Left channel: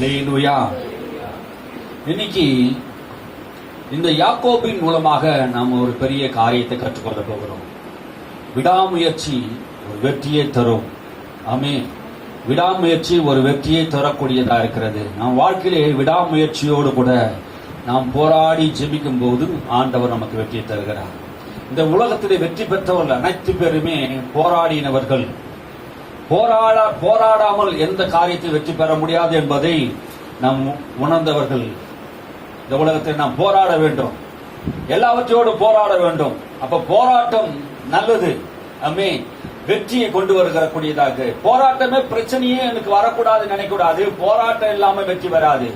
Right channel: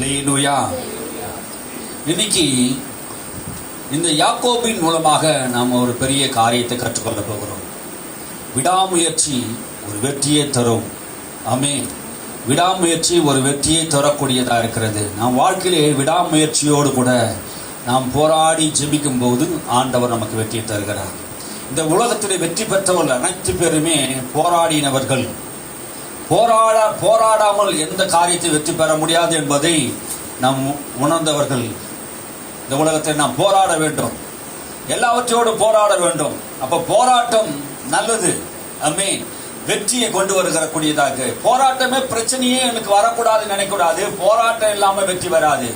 அல்லேலூயா. இன்னைக்கு இந்த யாக்கோபின் மூலமாக நாம் ஒரு பெரிய காரியத்தை கற்றுக்கொள்ள போகிறோம். விடாமுயற்சி ஒரு வெற்றியை தரும். ஆமென். விடாமுயற்சி ஒரு வெற்றியை தரக்கூடியதாக இருக்கிறது. நாம் வாழ்க்கையிலே விடாமுயற்சியோடு கூட நாம் போராடி ஜெபிக்கும் போது ஆண்டவர் நமக்கு வெற்றியை தருகிறார். இந்த உலகத்திலே வெற்றி பெற்றவர்கள் அனைத்து பேருமே போராடினவர்கள். போராடாமல் எந்த காரியத்தை வெற்றி பெற முடியாது என்பதை நாம் உணர்ந்தவர்கள். இந்த உலகத்தில் நாம் போராட வேண்டும், எல்லாவற்றோடு போராட வேண்டும். அப்ப போராட்டம் நல்லது. ஆமென். வெற்றியை கொண்டு வருகிறக்கூடியதாக. போராட்டமே பிரச்சனையே எனக்கு வரக்கூடாதுன்னு நினைக்கூடாது. போராட்டம் இல்லாம வெற்றி வராது.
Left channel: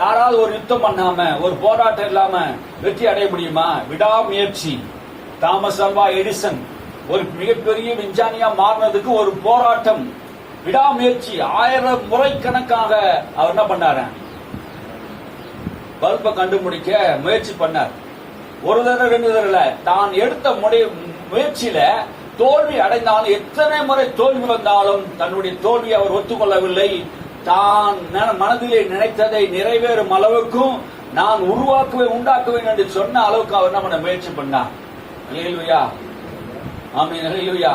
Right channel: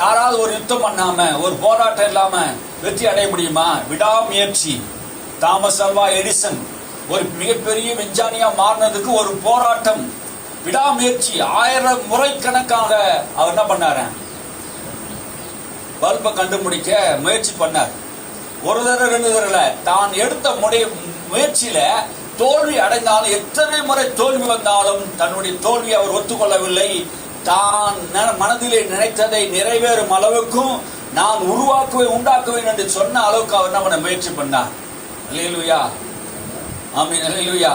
யாராவது ஒரு யுத்தம் பண்ணாம ஒரு போராட்டம் இல்லாம வெற்றி அடைய முடியுமா? விடாமுயற்சி. தாமஸ் அல்வா எடிசன் ஒரு மிகப்பெரிய விஞ்ஞானியா மாறினதுக்கு ஒரு போராட்டம், விடாமுயற்சி. 1000 முறை கணக்காக அவர் என்ன பண்ணாரு? பல்பை கண்டுபிடிக்க முயற்சி பண்ணார். ஒரு தடவை 2 தடவை தான் எடுத்த முயற்சியில தோல்வி அடைந்தாலும், எத்தனை முறை தோல்வி வந்தாலும் தன்னுடைய தோல்வி அவர் ஒத்துக்கொள்ளவில்லை. தான் மனதிலே நினைத்ததை நிறைவேறும் அளவுக்கும் நான் உண்டாக்குவேன் என்று சொன்ன அளவுக்கு அவர் என்ன பண்ண முயற்சி பண்ணார். அல்லேலூயா. ஆமென். அல்லேலூயா.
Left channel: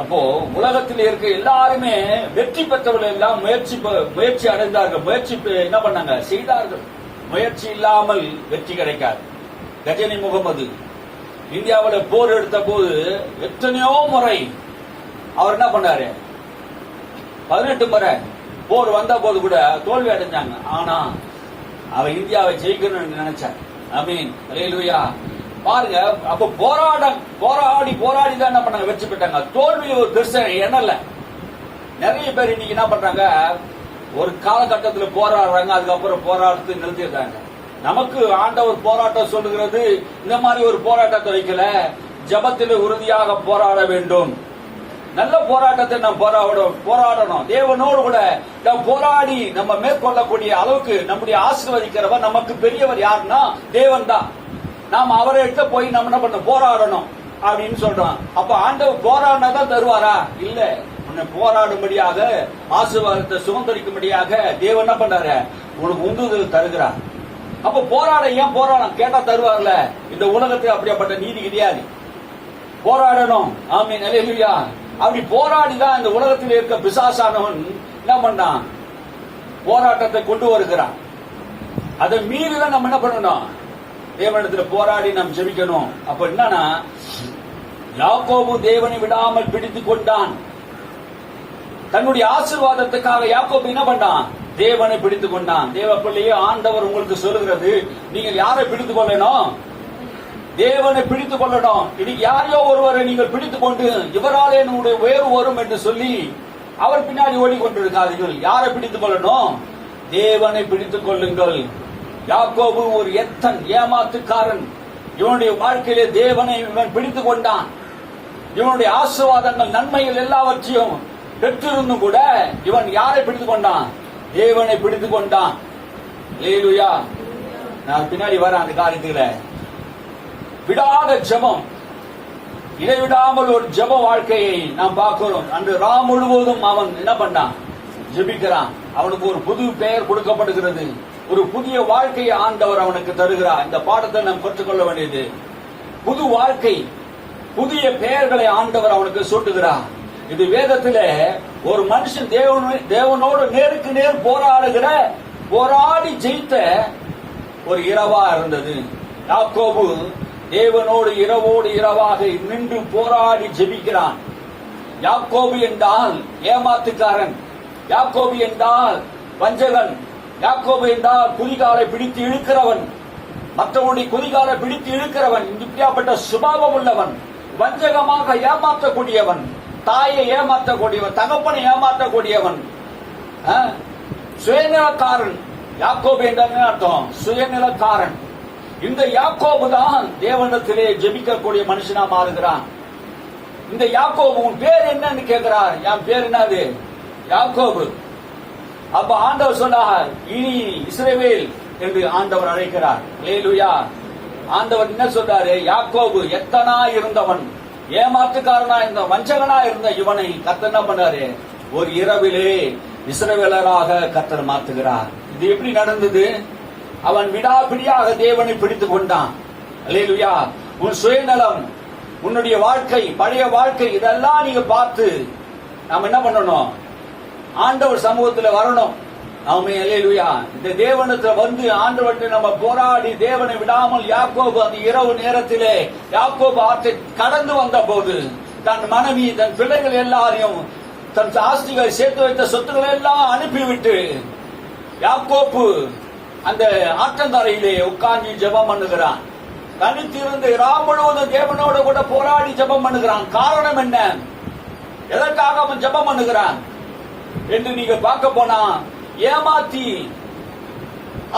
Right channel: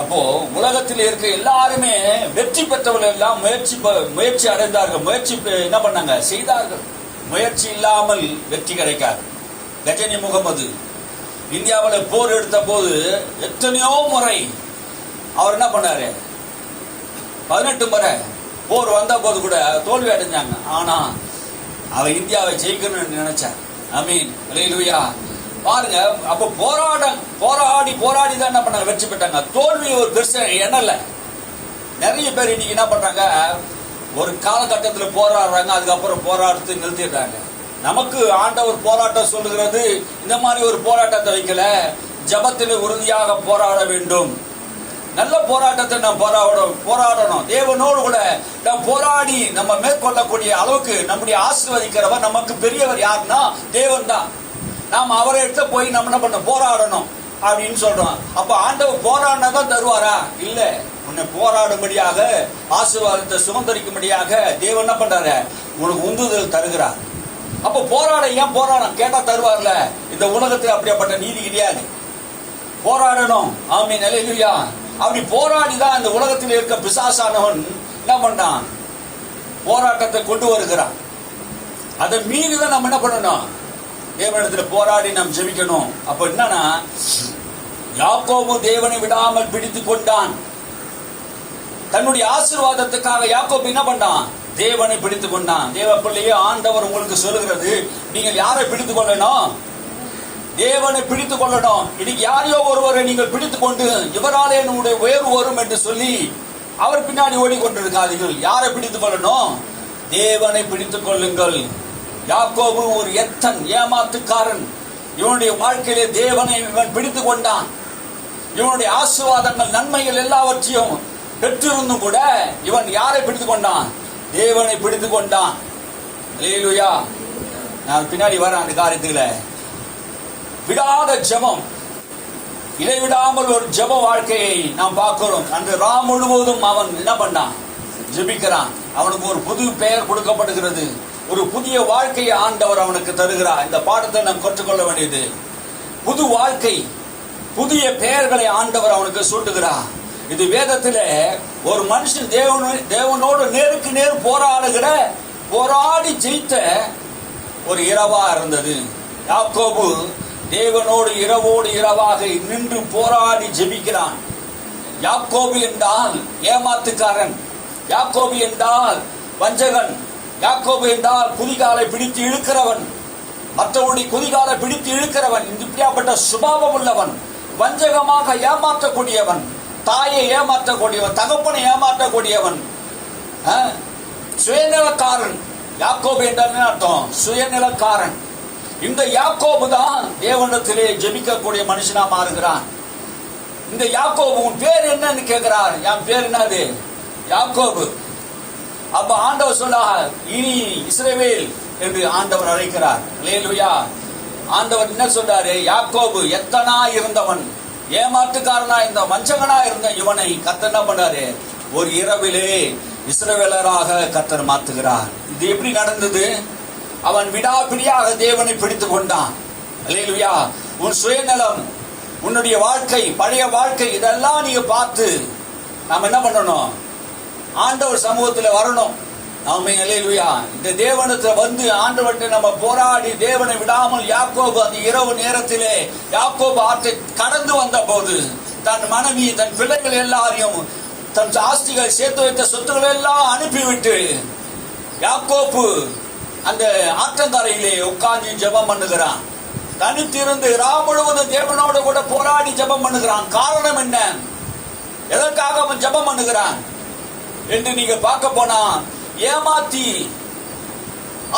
அப்போ உலகத்தில் இருக்க எல்லாருமே வெற்றி பெற்றவர்கள் எல்லாம் முயற்சி அடைந்தார்கள். முயற்சி என்ன பண்ணாங்க? செய்தார்கள். முயற்சி இல்லாமல் வெற்றி கிடைக்காது. கஜினி முகமது இந்தியாவில் போர் எடுத்த போது எத்தனையோ முறை அவர் என்ன பண்ணாரு? 18 முறை போர் வந்த போது கூட தோல்வி அடைஞ்சாங்க. ஆனா அவர் இந்தியாவை ஜெயிக்கணும்னு நினைச்சார். ஆமென். அல்லேலூயா. பாருங்க, அப்ப போராடி தான் என்ன பண்ணாங்க? வெற்றி பெற்றாங்க. தோல்வி ஒரு பெருசா எண்ணல. நிறைய பேர் இன்னைக்கு என்ன பண்றாங்க? ஒரு காலகட்டத்தில் போராடுறாங்க, அதுக்கப்புறம் போராட்டத்தை நிறுத்திடுறாங்க. நமக்கு ஆண்டவர் போராட்டம் சொல்லுகிறது, இந்த மாதிரி ஒரு போராட்டத்தை வைக்கல. ஜபத்தில் உறுதியாக போராட வேண்டும். நல்ல போராட்டத்தை நாம் போராடணும். தேவனோடு கூட நாம் போராடி நம்ம மேற்கொள்ளக்கூடிய அளவுக்கு நம்முடைய ஆசீர்வதிக்கிறவர் நமக்கு பெரியவர் யாருன்னா தேவன் தான். நாம் அவரை எடுத்து போய் நம்ம என்ன பண்ண போராடணும் அப்படின்னு சொல்றோம். அப்ப ஆண்டவர் போராடினா தான் தருவாரா? இல்ல. உன்னை போராடும்படியாக ஆசீர்வாதத்தை சுதந்திரிக்கும்படியாக தேவன் என்ன பண்றாரு? உனக்கு உந்துதல் தருகிறார். அப்ப ஏன் போராடம் கேட்டா தருவார்ல. இந்த உலகத்தில் அப்படியாப்பட்ட நீதி கிடையாது. போராடணும். ஆமென். அல்லேலூயா. அப்படி போராடிதான் இந்த உலகத்தில் இருக்க பிசாசானவன் என்ன பண்ணான்? போராட்டத்தை கொண்டு வருகிறான். அதை மீறிதான் நம்ம என்ன பண்ணணும்? தேவனிடத்துல போராடி நாம் ஜெபிக்கணும். அப்ப என்னன்னா, யாக்கோபு தேவனை விடாமல் பிடித்துக் கொண்டான். தன்னுடைய ஆசீர்வாதத்துக்காக யாக்கோபு என்ன பண்ணான்? தேவனை பிடித்துக் கொண்டான். தேவ பிள்ளையே, ஆண்டவர் உங்களுக்கு சொல்லுகிறது, நீங்கள் யாரை பிடித்துக் கொள்ளணும்? தேவனை பிடித்துக் கொள்ளணும். இன்னைக்கு யாரையோ ஒருவரை நீங்கள் பிடித்துக் கொண்டு இவராலே என்னுடைய உயர்வு வரும் என்று சொல்லி அவர் பின்னாடி ஓடிக்கொண்டிருக்காதீர்கள். யாரை பிடித்துக் கொள்ளணும்? தேவனை பிடித்துக் கொள்ளுங்கள். யாக்கோபு ஒரு எத்தன், ஏமாத்துக்காரன். இவனுடைய வாழ்க்கையிலே தேவனை இவன் பிடித்துக் கொண்டான். இவனுடைய ஆசீர்வாதங்கள், நன்மைகள் எல்லாவற்றையும் பெற்றிருந்தும் கூட இவன் யாரை பிடித்துக் கொண்டான்? தேவனை பிடித்துக் கொண்டான். அல்லேலூயா. நான் பின்னாடி வர அந்த காரியத்துல விடாத ஜெபம், இடைவிடாமல் ஒரு ஜெப வாழ்க்கையை நாம் பார்க்கிறோம். அந்த ராம் முழுவதும் அவன் என்ன பண்ணான்? ஜெபிக்கிறான். அவனுக்கு ஒரு புது பெயர் கொடுக்கப்படுகிறது. ஒரு புதிய வாழ்க்கையை ஆண்டவர் அவனுக்கு தருகிறார். இந்த பாடத்தை நாம் கற்றுக்கொள்ள வேண்டியது. புது வாழ்க்கை, புதிய பெயர்களை ஆண்டவர் அவனுக்கு சூட்டுகிறார். இது வேதத்திலே ஒரு மனுஷன் தேவனோடு நேருக்கு நேர் போராடி ஜெயித்த ஒரு இரவா இருந்தது. யாக்கோபு தேவனோடு இரவோடு இரவாக நின்று போராடி ஜெபிக்கிறான். யாக்கோபு என்றால் ஏமாத்துக்காரன், யாக்கோபு என்றால் வஞ்சகன், யாக்கோபு என்றால் குதிகாலை பிடித்து இழுக்கிறவன், மற்றவருடைய குதிகாலை பிடித்து இழுக்கிறவன், இப்படியாப்பட்ட சுபாவம் உள்ளவன், வஞ்சகமாக ஏமாற்றக்கூடியவன், தாயை ஏமாற்றக்கூடியவன், தகப்பனை ஏமாற்றக்கூடியவன், சுயநலக்காரன். யாக்கோபு என்றால் அர்த்தம் சுயநலக்காரன். இந்த யாக்கோபு தான் தேவனிடத்திலே ஜெபிக்கக்கூடிய மனுஷனா மாறுகிறான். இந்த யாக்கோபு உன் பேர் என்னன்னு கேட்கிறார். என் பேர் என்னது? யாக்கோபு. அப்ப ஆண்டவர் சொன்னார், இனி இஸ்ரவேல் என்று ஆண்டவர் அழைக்கிறார். அல்லேலூயா. ஆண்டவர் என்ன சொல்றாரு? யாக்கோபு எத்தனா இருந்தவன், ஏமாற்றுக்காரனா இருந்த, வஞ்சகனா இருந்த இவனை கர்த்தர் என்ன பண்ணாரு? ஒரு இரவிலே இஸ்ரவேலராக கர்த்தர் மாத்துகிறார். இது எப்படி நடந்தது? அவன் விடாபிடியாக தேவனை பிடித்துக் கொண்டான். அல்லேலூயா. உன் சுயநலம், உன்னுடைய வாழ்க்கை, பழைய வாழ்க்கை, இதெல்லாம் நீங்க பார்த்து நாம் என்ன பண்ணணும்? ஆண்டவர் சமூகத்தில் வரணும். ஆமென். அல்லேலூயா. இந்த தேவனத்துல வந்து ஆண்டவர்கிட்ட நம்ம போராடி தேவனை விடாமல் யாக்கோபு அந்த இரவு நேரத்திலே யாக்கோபு ஆற்றை கடந்து வந்த போது தன் மனைவி, தன் பிள்ளைகள் எல்லாரையும், தன் ஆஸ்திகள் சேர்த்து வைத்த சொத்துக்கள் எல்லாம் அனுப்பிவிட்டு யாக்கோபு அந்த ஆற்றங்கரையிலே உட்கார்ந்து ஜெபம் பண்ணுகிறான். தனித்திருந்து ராம் முழுவதும் தேவனோட கூட போராடி ஜெபம் பண்ணுகிறான். காரணம் என்ன? எதற்காக அவன் ஜெபம் பண்ணுகிறான் என்று நீங்க பார்க்க போனா, ஏமாத்தி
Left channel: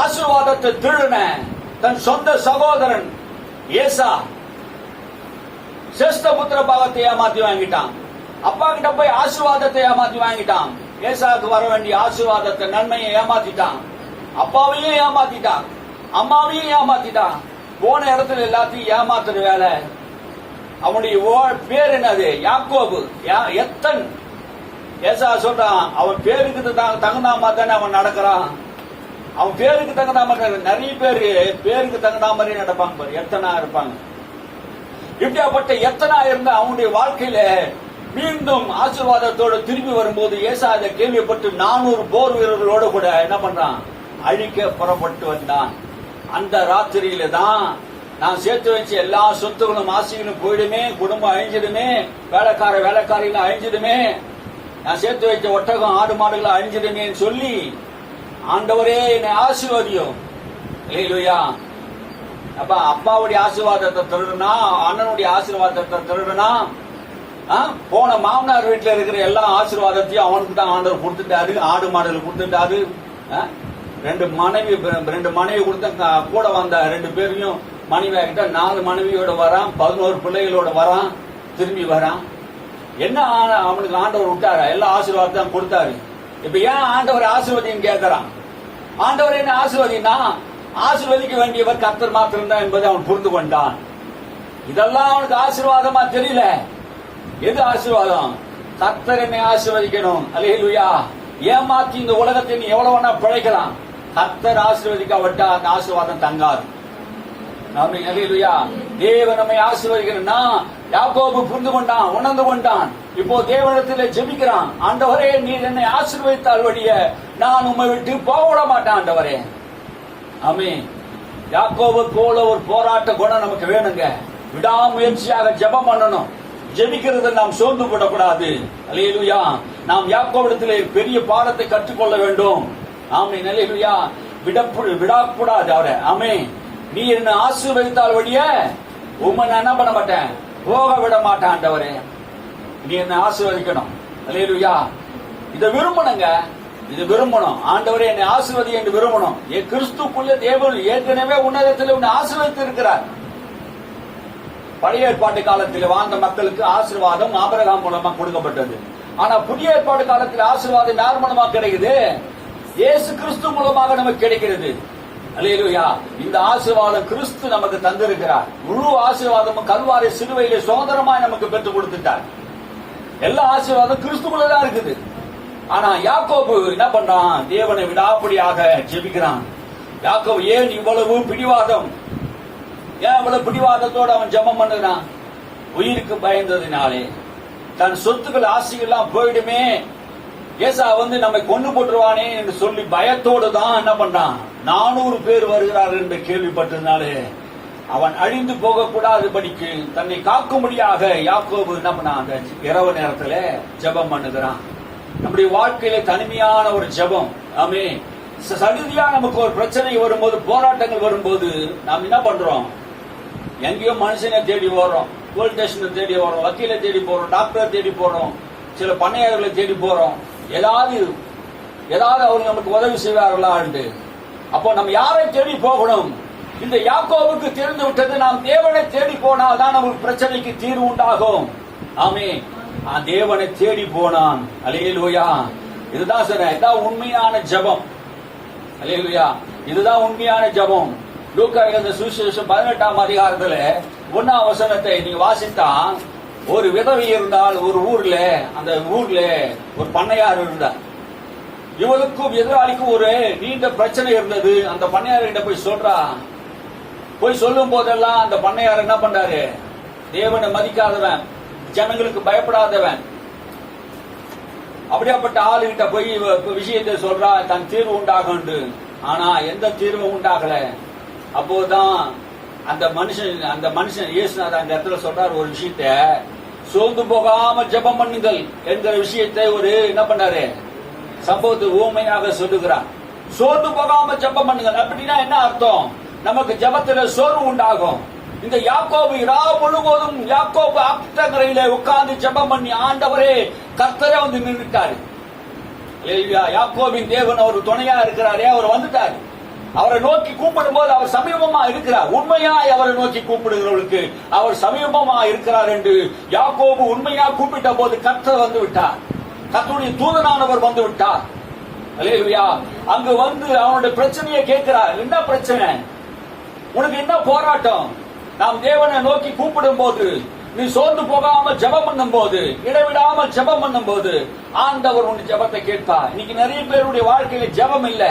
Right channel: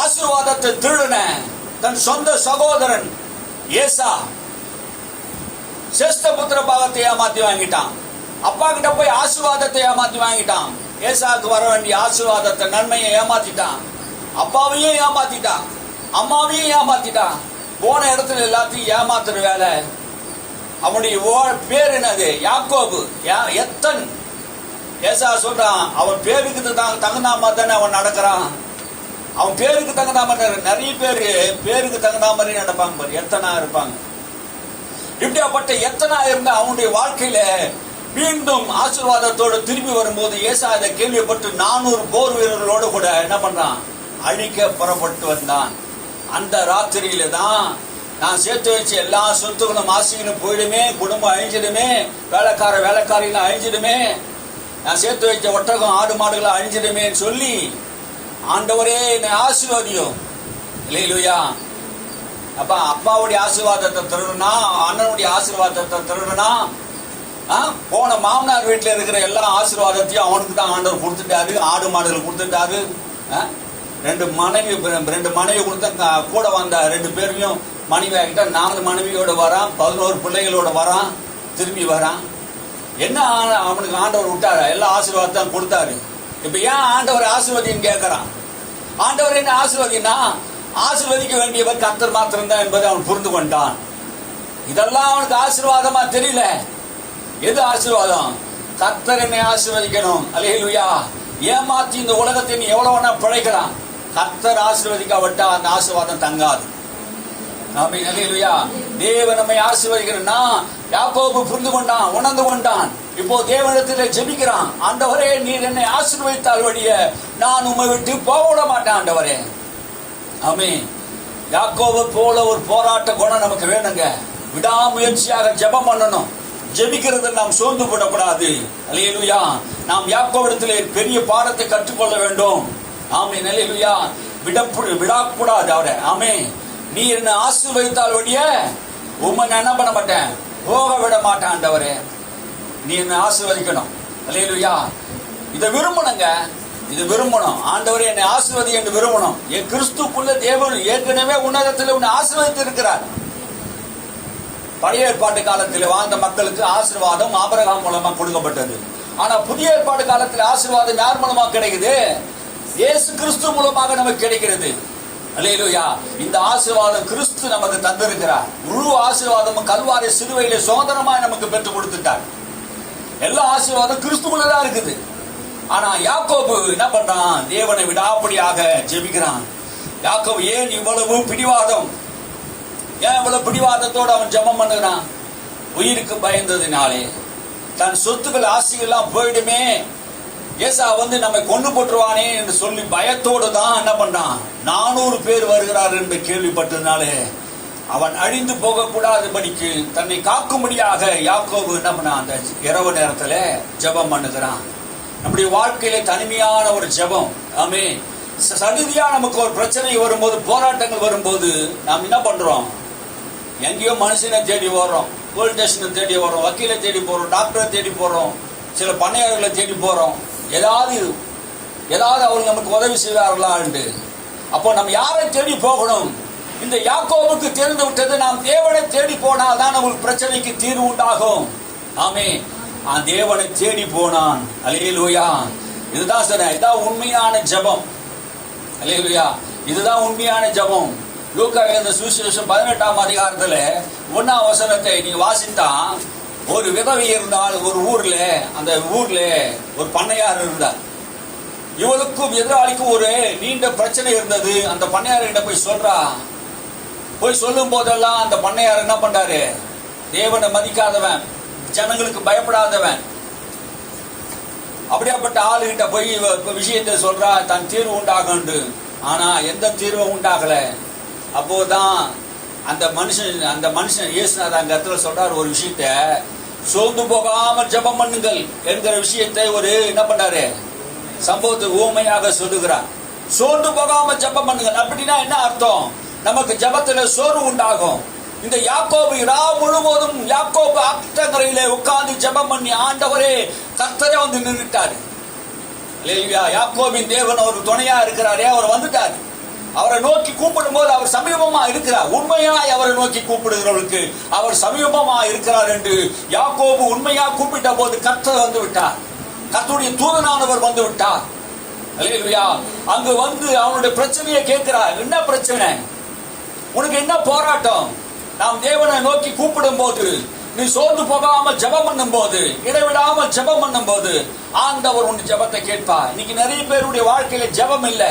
ஆசீர்வாதத்தை திருடின தன் சொந்த சகோதரன் ஏசா சேஷ்ட புத்திர பாகத்தை ஏமாத்தி வாங்கிட்டான். அப்பா கிட்ட போய் ஆசீர்வாதத்தை ஏமாத்தி வாங்கிட்டான். ஏசாவுக்கு வர வேண்டிய ஆசீர்வாதத்தை, நன்மையை ஏமாத்திட்டான். அப்பாவையும் ஏமாத்திட்டான், அம்மாவையும் ஏமாத்திட்டான். போன இடத்துல எல்லாத்தையும் ஏமாத்துற வேலை. அவனுடைய பேர் என்னது? யாக்கோபு, எத்தன். ஏசா சொல்றான், அவன் பேருக்கு தகுந்த மாதிரி தானே அவன் நடக்கிறான். அவன் பேருக்கு தகுந்த மாதிரி. நிறைய பேரு பேருக்கு தகுந்த மாதிரி நடப்பாங்க பாரு, எத்தனா இருப்பாங்க. இப்படியாப்பட்ட எத்தனா இருந்த அவனுடைய வாழ்க்கையில மீண்டும் ஆசீர்வாதத்தோடு திரும்பி வரும்போது ஏசா அதை கேள்விப்பட்டு 400 போர் வீரர்களோடு கூட என்ன பண்றான்? அழிக்க புறப்பட்டு வந்தான். அந்த ராத்திரியில தான் நான் சேர்த்து வச்ச எல்லா சொத்துகளும் ஆசைகளும் போயிடுமே, குடும்பம் அழிஞ்சிடுமே, வேலைக்காரிகள் அழிஞ்சிடுமே, நான் சேர்த்து வைத்த ஒட்டகம் ஆடு மாடுகள் அழிஞ்சிடுமே சொல்லி, ஆண்டவரே என்னை ஆசீர்வதியும். இல்லையா? அப்ப அப்பாவுடைய ஆசீர்வாதத்தை திருடுனா, அண்ணனுடைய ஆசீர்வாதத்தை திருடுனா, போன மாமனார் வீட்டில் இருக்கிற எல்லா ஆசீர்வாதத்தையும் அவனுக்கு தான் ஆண்டவர் கொடுத்துட்டாரு. ஆடு மாடுகள் கொடுத்துட்டாரு. 2 மனைவி கொடுத்த கூட வந்த 2 பேரையும் மனைவி ஆகிட்ட 4 மனைவியோட வரான், 11 பிள்ளைகளோட வரான், திரும்பி வரான். என்ன அவனுக்கு ஆண்டவர் விட்டாரா? எல்லா ஆசீர்வாதம் கொடுத்தாரு. இப்ப ஏன் ஆண்டவர் ஆசீர்வதின்னு கேட்கறான்? ஆண்டவர் என்ன ஆசீர்வதினா, ஆசீர்வதிக்க வேண்டியவர் கர்த்தர் மாத்திரம் தான் என்பதை அவன் புரிந்து கொண்டான். இதெல்லாம் அவனுக்கு ஆசீர்வாதமா தெரியல. எது ஆசீர்வாதம்? கர்த்தர் என்னை ஆசீர்வதிக்கணும். அல்லேலூயா. ஏமாத்தி இந்த உலகத்தை நீ எவ்வளவு வேணா பிழைக்கலாம், கர்த்தர் ஆசீர்வதிக்காவிட்டா அந்த ஆசீர்வாதம் தங்காது. ஆமென். அல்லேலூயா. தேவன் நம்மை ஆசீர்வதிக்கணும்னா யாக்கோபு புரிந்து கொண்டான், உணர்ந்து கொண்டான். இப்போ தேவனிடத்தில் ஜெபிக்கிறான், ஆண்டவரே நீர் என்னை ஆசீர்வதித்தால் வழிய நான் உம்மை விட்டு போக விட மாட்டேன் ஆண்டவரே. ஆமென். யாக்கோபு போல ஒரு போராட்ட குணம் நமக்கு வேணுங்க. விடாமுயற்சியாக ஜெபம் பண்ணணும். ஜெபிக்கிறது நாம் சோர்ந்து விடக்கூடாது. அல்லேலூயா. நாம் யாக்கோபிடத்திலே பெரிய பாடத்தை கற்றுக்கொள்ள வேண்டும். ஆமென். அல்லேலூயா. விடக்கூடாது அவரை. ஆமென். நீ என்ன ஆசீர்வதித்தால் வழிய உம்மை நான் என்ன பண்ண மாட்டேன், போக விட மாட்டேன் ஆண்டவரே. நீ என்ன ஆசீர்வதிக்கணும். அல்லேலூயா. இதை விரும்பணுங்க. இது விரும்பணும். ஆண்டவரே என்னை ஆசீர்வதி என்று விரும்பணும். என் கிறிஸ்துக்குள்ள தேவன் ஏற்கனவே உன்னதத்தில் உன்னை ஆசீர்வதித்து இருக்கிறார். பழைய ஏற்பாட்டு காலத்தில் வாழ்ந்த மக்களுக்கு ஆசீர்வாதம் ஆபிரகாம் மூலமா கொடுக்கப்பட்டது. ஆனா புதிய ஏற்பாட்டு காலத்தில் ஆசீர்வாதம் யார் மூலமா கிடைக்குது? இயேசு கிறிஸ்து மூலமாக நமக்கு கிடைக்கிறது. அல்லேலூயா. இந்த ஆசீர்வாதம் கிறிஸ்து நமக்கு தந்திருக்கிறார். முழு ஆசீர்வாதமும் கல்வாரி சிலுவையிலே சுதந்திரமாய் நமக்கு பெற்றுக் கொடுத்துட்டார். எல்லா ஆசீர்வாதம் கிறிஸ்துக்குள்ளதான் இருக்குது. ஆனா யாக்கோபு என்ன பண்றான்? தேவனை விடாப்படியாக ஜெபிக்கிறான். யாக்கோபு ஏன் இவ்வளவு பிடிவாதம்? ஏன் இவ்வளவு பிடிவாதத்தோடு அவன் ஜெபம் பண்ணுகிறான்? உயிருக்கு பயந்ததினாலே. தன் சொத்துக்கள் ஆசைகள் எல்லாம் போயிடுமே, ஏசா வந்து நம்மை கொண்டு போட்டுருவானே என்று சொல்லி பயத்தோடு தான் என்ன பண்றான்? 400 பேர் வருகிறார் என்று கேள்விப்பட்டதுனாலே அவன் அழிந்து போகக்கூடாதபடிக்கு தன்னை காக்கும்படியாக யாக்கோபு என்ன பண்ணான்? அந்த இரவு நேரத்துல ஜெபம் பண்ணுகிறான். நம்முடைய வாழ்க்கையில தனிமையான ஒரு ஜெபம். ஆமே. சடுதியா நமக்கு ஒரு பிரச்சனை வரும்போது, போராட்டங்கள் வரும்போது நாம் என்ன பண்றோம்? எங்கேயோ மனுஷனை தேடி போறோம், போலீஸ் ஸ்டேஷனை தேடி போறோம், வக்கீலை தேடி போறோம், டாக்டரை தேடி போறோம், சில பண்ணையாளர்களை தேடி போறோம். ஏதாவது அவங்க நமக்கு உதவி செய்வார்களா? அப்போ நம்ம யாரை தேடி போகணும்? இந்த யாக்கோபுக்கு தெரிந்து விட்டது, நாம் தேவனை தேடி போனால் தான் நமக்கு பிரச்சனைக்கு தீர்வு உண்டாகும். ஆமே. தேவனை தேடி போனான். அல்லேலூயா. இதுதான் சார், இதுதான் உண்மையான ஜெபம். அல்லேலூயா. இதுதான் உண்மையான ஜெபம். லூக்கா எழுதின சுவிசேஷம் 18ஆம் அதிகாரத்துல 1ஆம் வசனத்தை நீ வாசித்தா, ஒரு விதவை இருந்தால் ஒரு ஊர்ல, அந்த ஊர்ல ஒரு பண்ணையார் இருந்தார். இவளுக்கும் எதிராளிக்கும் ஒரு நீண்ட பிரச்சனை இருந்தது. அந்த பண்ணையார்கிட்ட போய் சொல்றா. போய் சொல்லும் போதெல்லாம் அந்த பண்ணையார் என்ன பண்றாரு? தேவனை மதிக்காதவன், ஜனங்களுக்கு பயப்படாதவன், அப்படியாப்பட்ட ஆளுகிட்ட போய் விஷயத்தை சொல்றா, தன் தீர்வு உண்டாகும். ஆனா எந்த தீர்வும் உண்டாகல. அப்போதான் அந்த மனுஷன் இயேசுநாதர் அந்த இடத்துல சொல்றாரு ஒரு விஷயத்த, சோர்ந்து போகாம ஜெபம் பண்ணுங்கள் என்கிற விஷயத்தை ஒரு என்ன பண்ணாரு சம்பவத்தை ஊமையாக சொல்லுகிறார். சோர்ந்து போகாம ஜெபம் பண்ணுங்கள் அப்படின்னா என்ன அர்த்தம்? நமக்கு ஜெபத்துல சோர்வு உண்டாகும். இந்த யாக்கோபு இரவு முழுவதும் யாக்கோபு ஆற்றங்கரையில உட்கார்ந்து ஜெபம் பண்ணி ஆண்டவரே கர்த்தரே வந்து நின்றுட்டாரு. யாக்கோபின் தேவன் அவர் துணையா இருக்கிறாரே, அவர் வந்துட்டாரு. அவரை நோக்கி கூப்பிடும் போது அவர் சமீபமா இருக்கிறார். உண்மையாய் அவரை நோக்கி கூப்பிடுகிறவர்களுக்கு அவர் சமீபமா இருக்கிறார் என்று யாக்கோபு உண்மையா கூப்பிட்ட போது கர்த்தர் வந்து விட்டார். கர்த்தருடைய தூதனானவர் வந்து விட்டார். அல்லேலூயா. அங்கு வந்து அவனுடைய பிரச்சனையை கேட்கிறார். என்ன பிரச்சனை? உனக்கு என்ன போராட்டம்? நாம் தேவனை நோக்கி கூப்பிடும் போது, நீ சோர்ந்து போகாம ஜெபம் பண்ணும் போது, இடைவிடாம ஜெபம் பண்ணும் போது ஆண்டவர் உன் ஜெபத்தை கேட்பார். இன்னைக்கு நிறைய பேருடைய வாழ்க்கையில ஜெபம் இல்ல,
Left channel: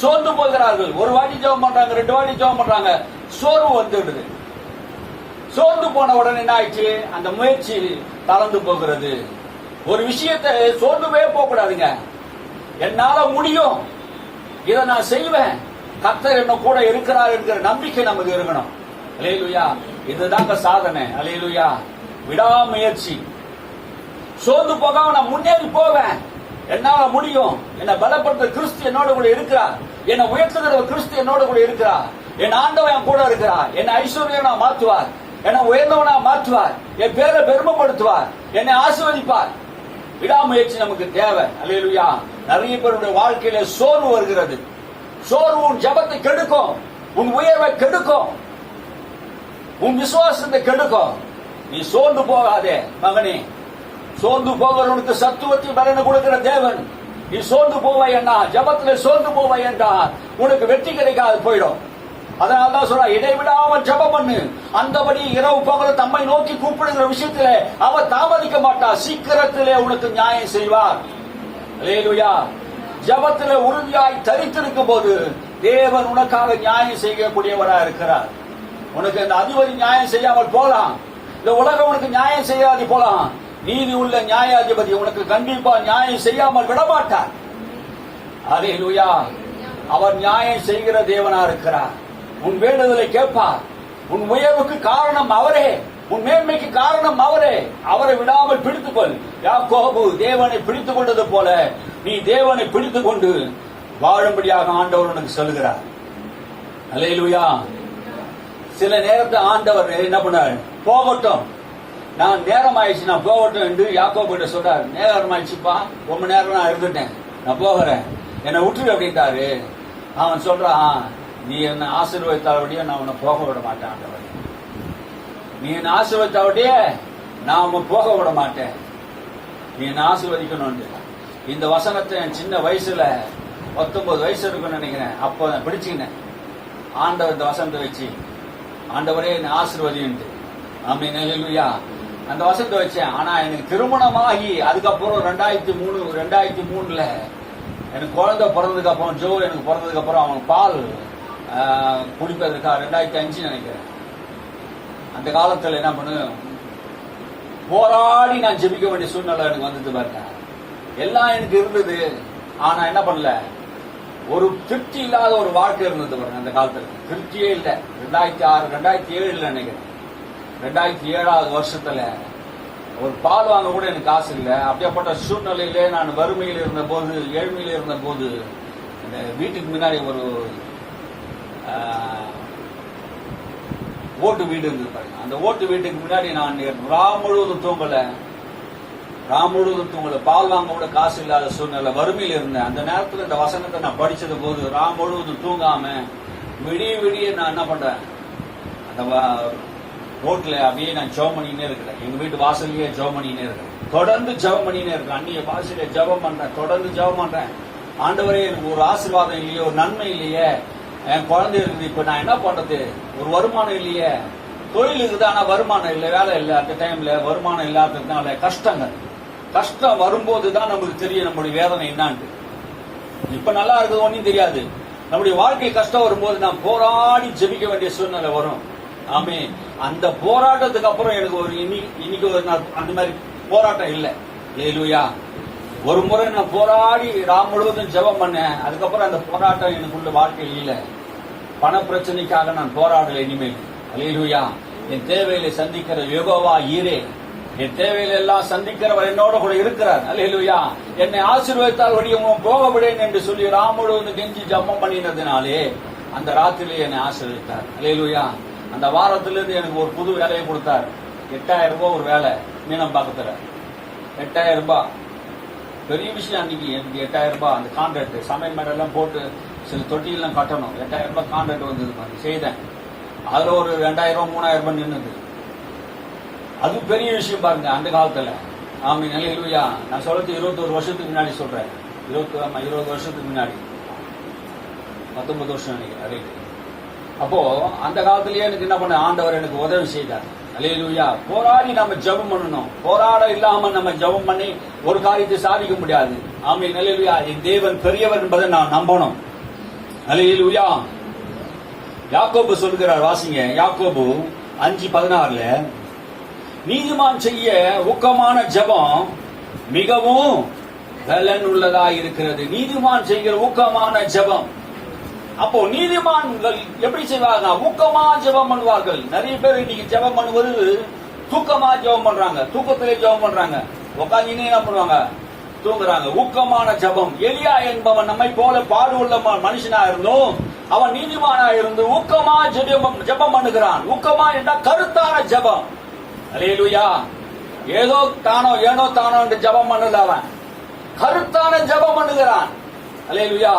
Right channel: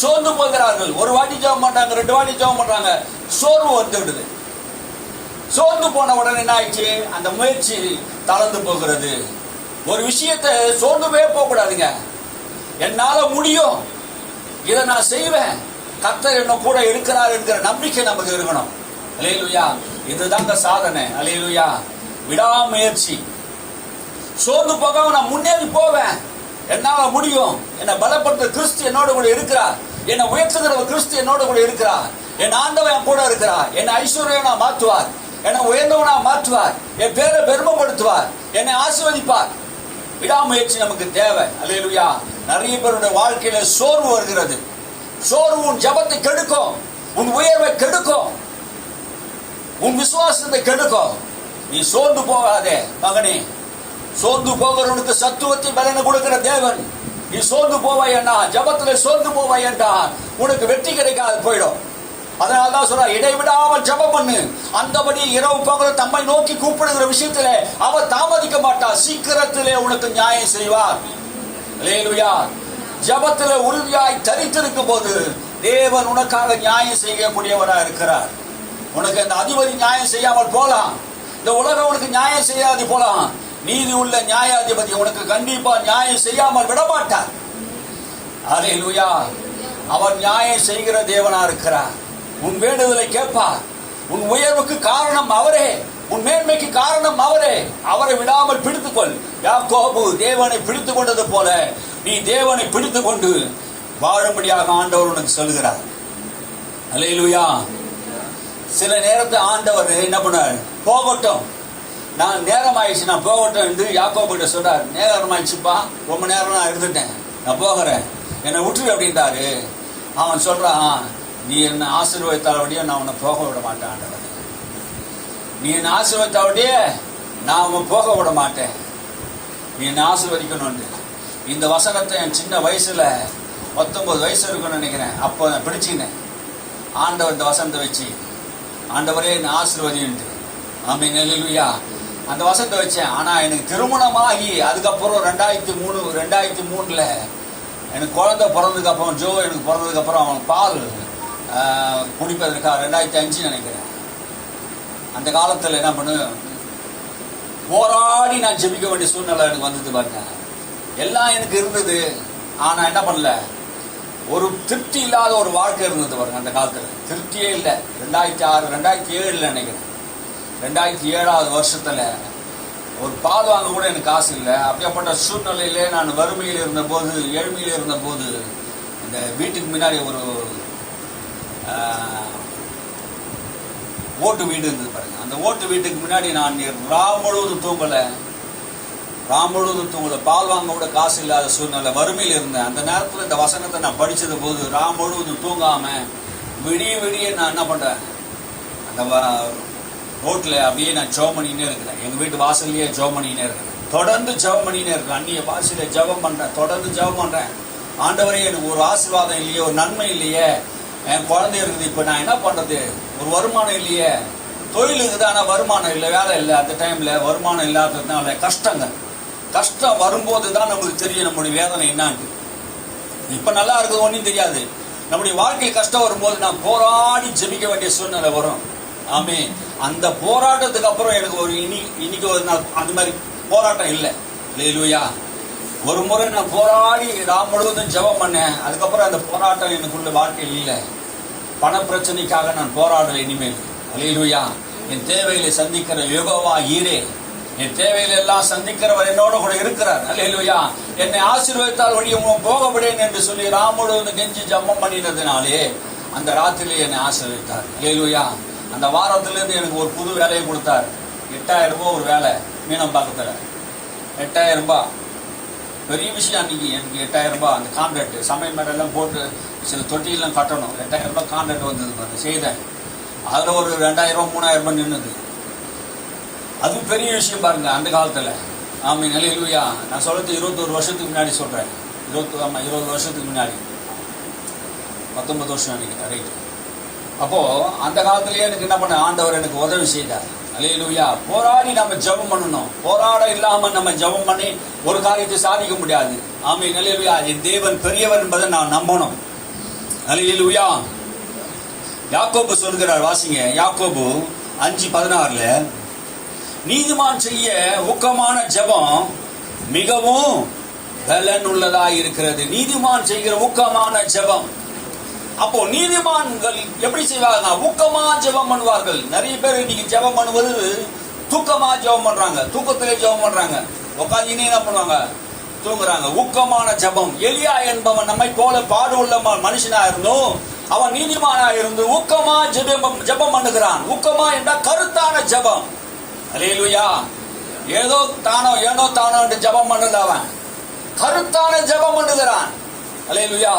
சோர்ந்து போகிறார்கள். ஒரு வாட்டி ஜெபம் பண்றாங்க, 2 வாட்டி ஜெபம் பண்றாங்க, சோர்வு வந்துடுது. சோர்ந்து போன உடனே என்ன ஆயிடுச்சு? அந்த முயற்சி தளர்ந்து போகிறது. ஒரு விஷயத்தை சோர்ந்துவே போக கூடாதுங்க. என்னால முடியும், இதை நான் செய்வேன், கர்த்தர் என்ன கூட இருக்கிறார் என்கிற நம்பிக்கை நமக்கு இருக்கணும். அல்லேலூயா. இதுதாங்க சாதனை. அல்லேலூயா. விடாமுயற்சி. சோர்ந்து போகாம நான் முன்னேறி போவேன், என்னால முடியும், என்னை பலப்படுத்த கிறிஸ்து என்னோட கூட இருக்கிறார், என்னை உயர்த்துகிற கிறிஸ்து என்னோட கூட இருக்கிறார், என் ஆண்டவன் என் கூட இருக்கிறார், என்னை ஐஸ்வர்யவனா மாற்றுவார், என்னை உயர்ந்தவனா மாற்றுவார், என் பேரை பெருமைப்படுத்துவார், என்னை ஆசீர்வதிப்பார். விடாமுயற்சி நமக்கு தேவை. அல்லேலூயா. நிறைய பேருடைய வாழ்க்கையில சோர்வு வருகிறது. சோர்வு உன் ஜெபத்தை கெடுக்கும், உன் உயர்வை கெடுக்கும், உன் விசுவாசத்தை கெடுக்கும். நீ சோர்ந்து போகாதே மகனே. சோர்ந்து போகிறவனுக்கு சத்துவத்தை பலனை கொடுக்கிற தேவன். நீ சோர்ந்து போவாயன்னா, ஜெபத்துல சோர்ந்து போவாயன்னா உனக்கு வெற்றி கிடைக்காது போயிடும். அதனால்தான் சொல்ற, இடைவிடாமல் ஜெபம் பண்ணு. அந்தபடி இரவு பகலும் தம்மை நோக்கி கூப்பிடுகிற விஷயத்துல அவர் தாமதிக்க மாட்டார், சீக்கிரத்திலே உனக்கு நியாயம் செய்வார். அல்லேலூயா. ஜெபத்திலே உறுதியாய் தரித்திருக்கும் போது தேவன் உனக்காக நியாயம் செய்யக்கூடியவரா இருக்கிறார். உனக்கு அந்த அதிபதி நியாயம் செய்யாமல் போலாம், இந்த உலகம் உனக்கு நியாயம் செய்யாது போலாம், நீதி உள்ள நியாயாதிபதி உனக்கு கண்டிப்பா நியாயம் செய்யாமல் விடமாட்டார். அல்லேலூயா. அவர் நியாயம் செய்கிற தேவனா இருக்கிறார். உன் வேண்டுதலை கேட்பார். உன் உயர்வுக்கு காரணம் அவரே, உன் மேன்மைக்கு காரணம் அவரே. அவரை விடாமல் பிடித்துக்கொள். யாக்கோபு தேவனை பிடித்துக் கொண்டது போல நீ தேவனை பிடித்துக் கொண்டு வாழும்படியாக ஆண்டவர் உனக்கு சொல்லுகிறார். அல்லேலூயா. சில நேரத்தை ஆண்டவர் என்ன பண்ணார்? போகட்டும், நான் நேரம் ஆயிடுச்சு, நான் போகட்டும் என்று யாக்கோபு சொல்றார். நேரம் ஆயிடுச்சுப்பா, ரொம்ப நேரம் நான் இருந்துட்டேன், நான் போகிறேன், என்னை விட்டுரு அப்படின்றாரு. அவன் சொல்றான், நீ என்ன ஆசீர்வதித்தாலபடியே நான் உன்னை போக விட மாட்டேன் ஆண்டவர். நீ என்ன ஆசீர்வதித்தாலபடியே நான் உன்னை போக விட மாட்டேன், நீ என்ன ஆசீர்வதிக்கணும். இந்த வசனத்தை என் சின்ன வயசுல 19 வயசு இருக்குன்னு நினைக்கிறேன், அப்போ நான் பிடிச்சிக்கினேன். ஆண்டவர் இந்த வசனத்தை வச்சு, ஆண்டவரே என்ன ஆசீர்வதின்ட்டு. ஆமென். அல்லேலூயா. அந்த வசனத்தை வச்சேன். ஆனா எனக்கு திருமணமாகி அதுக்கப்புறம் 2003 எனக்கு குழந்தை பிறந்ததுக்கு அப்புறம், ஜோ எனக்கு பிறந்ததுக்கு அப்புறம் அவன் பால் குடிப்பதற்காக 2005 நினைக்கிறேன். அந்த காலத்தில் என்ன பண்ணு, போராடி நான் ஜெபிக்க வேண்டிய சூழ்நிலை எனக்கு வந்தது பாருங்க. எல்லாம் எனக்கு இருந்தது, ஆனா என்ன பண்ணல, ஒரு திருப்தி இல்லாத ஒரு வாழ்க்கை இருந்தது பாருங்க. அந்த காலத்தில் திருப்தியே இல்லை. 2006 2007 நினைக்கிறேன், 2007வது வருஷத்துல ஒரு பால் வாங்க கூட எனக்கு காசு இல்லை. அப்படியேப்பட்ட சூழ்நிலையிலே நான் வறுமையில் இருந்த போது, ஏழ்மையில் இருந்த போது, இந்த வீட்டுக்கு முன்னாடி ஒரு ஓட்டு வீடு இருந்தது பாருங்க. அந்த ஓட்டு வீட்டுக்கு முன்னாடி நான் ராம் முழுவதும் தூங்கலை, பால் வாங்க கூட காசு இல்லாத சூழ்நிலை, வறுமையில் இருந்தேன். அந்த நேரத்தில் இந்த வசனத்தை நான் படிச்சது போது ராம் முழுவதும் தூங்காம விடிய நான் என்ன பண்றேன், அந்த ரோட்ல அப்படியே நான் ஜெபம் பண்ணினே இருக்கிறேன். எங்க வீட்டு வாசல்லையே ஜெபம் பண்ணினே இருக்கிறேன், தொடர்ந்து ஜெபம் பண்ணினே இருக்கேன். அந்நிய பாஷையில ஜெபம் பண்றேன், தொடர்ந்து ஜெபம் பண்றேன். ஆண்டவரே எனக்கு ஒரு ஆசீர்வாதம் இல்லையே, ஒரு நன்மை இல்லையே, என் குழந்தை இருக்குது, இப்ப நான் என்ன பண்றது, ஒரு வருமானம் இல்லையே, தொழில் இருக்குது ஆனா வருமானம் இல்லை, வேலை இல்லை. அந்த டைம்ல வருமானம் இல்லாததுனால கஷ்டம் வரும்போது தான் நமக்கு தெரியும் நம்முடைய வேதனை என்னான்ட்டு. இப்ப நல்லா இருக்குது ஒன்றும் தெரியாது. நம்முடைய வாழ்க்கையில் கஷ்டம் வரும்போது நான் போராடி ஜெபிக்க வேண்டிய சூழ்நிலை வரும். ஆமே, அந்த போராட்டத்துக்கு அப்புறம் எனக்கு ஒரு இன்னைக்கு ஒரு அந்த மாதிரி போராட்டம் இல்லை. அல்லேலூயா. ஒரு முறை நான் போராடி முழுவதும் ஜெபம் பண்ணேன். அதுக்கப்புறம் அந்த போராட்டம் எனக்குள்ள வாழ்க்கையில் இல்லை. பண பிரச்சனைக்காக நான் போராடல இனிமேல். அல்லேலூயா. என் தேவைகளை சந்திக்கிற யெகோவா ஈரே, என் தேவைகளை எல்லாம் சந்திக்கிறவர் என்னோட கூட இருக்கிறார். அல்லேலூயா. என்னை ஆசீர்வதித்தால் வழியை போக விடேன் என்று சொல்லி முழுவதும் கெஞ்சி ஜெபம் பண்ணினதுனாலே அந்த ராத்திரியிலே என்னை ஆசீர்வதித்தார். அல்லேலூயா. அந்த வாரத்திலிருந்து எனக்கு ஒரு புது வேலையை கொடுத்தார். 8000 ரூபாய் ஒரு வேலை மீனம் பார்க்கற. 8000 ரூபாய் பெரிய விஷயம். அன்னைக்கு எனக்கு 8000 ரூபாய் அந்த கான்ட்ராக்ட் சமையல் மேடெல்லாம் போட்டு சில தொட்டியெல்லாம் கட்டணும். 8000 ரூபாய் கான்ட்ராக்ட் வந்தது பாருங்க, செய்தேன். அதில் ஒரு 2000 ரூபாய் 3000 ரூபாய் நின்றுது. அது பெரிய விஷயம் பாருங்க அந்த காலத்தில். ஆமாம், அல்லேலூயா. நான் சொல்றது 21 வருஷத்துக்கு முன்னாடி சொல்றேன். 20 வருஷத்துக்கு முன்னாடி, 19 வருஷம் நினைக்கிறேன். அப்போ அந்த காலத்திலேயே எனக்கு என்ன பண்ண ஆண்டவர் எனக்கு உதவி செய்தார். அல்லேலூயா. போராடி நம்ம ஜெபம் பண்ணணும். போராட இல்லாம நம்ம ஜெபம் பண்ணி ஒரு காரியத்தை சாதிக்க முடியாது. ஆமென். அல்லேலூயா. என் தேவன் பெரியவர் என்பதை நான் நம்பணும். அல்லேலூயா. யாக்கோபு சொல்கிறார், வாசிங்க. யாக்கோபு 5:16 நீதிமான் செய்ய ஊக்கமான ஜெபம் மிகவும் பலன் உள்ளதாய் இருக்கிறது. நீதிமான் செய்கிற ஊக்கமான ஜெபம். அப்போ நீதிமான்கள் எப்படி செய்வாங்க? ஊக்கமா ஜெபம் பண்ணுவார்கள். நிறைய பேர் இன்னைக்கு ஜெபம் பண்ணுவது தூக்கமா ஜெபம் பண்றாங்க, தூக்கத்திலே ஜெபம் பண்றாங்க, உட்காந்து என்ன பண்ணுவாங்க? தூங்குறாங்க. ஊக்கமான ஜெபம். எலியா என்பவன் நம்மை போல பாடு உள்ள மனுஷனா இருந்தும் அவன் நீதிமானா இருந்து ஊக்கமா ஜெபம் பண்ணுகிறான். ஊக்கமா என்ற கருத்தான ஜெபம். அல்லேலூயா. ஏதோ தானோ என்று ஜெபம் பண்ணல, அவன் கருத்தான ஜெபம் பண்ணுகிறான். அல்லேலூயா.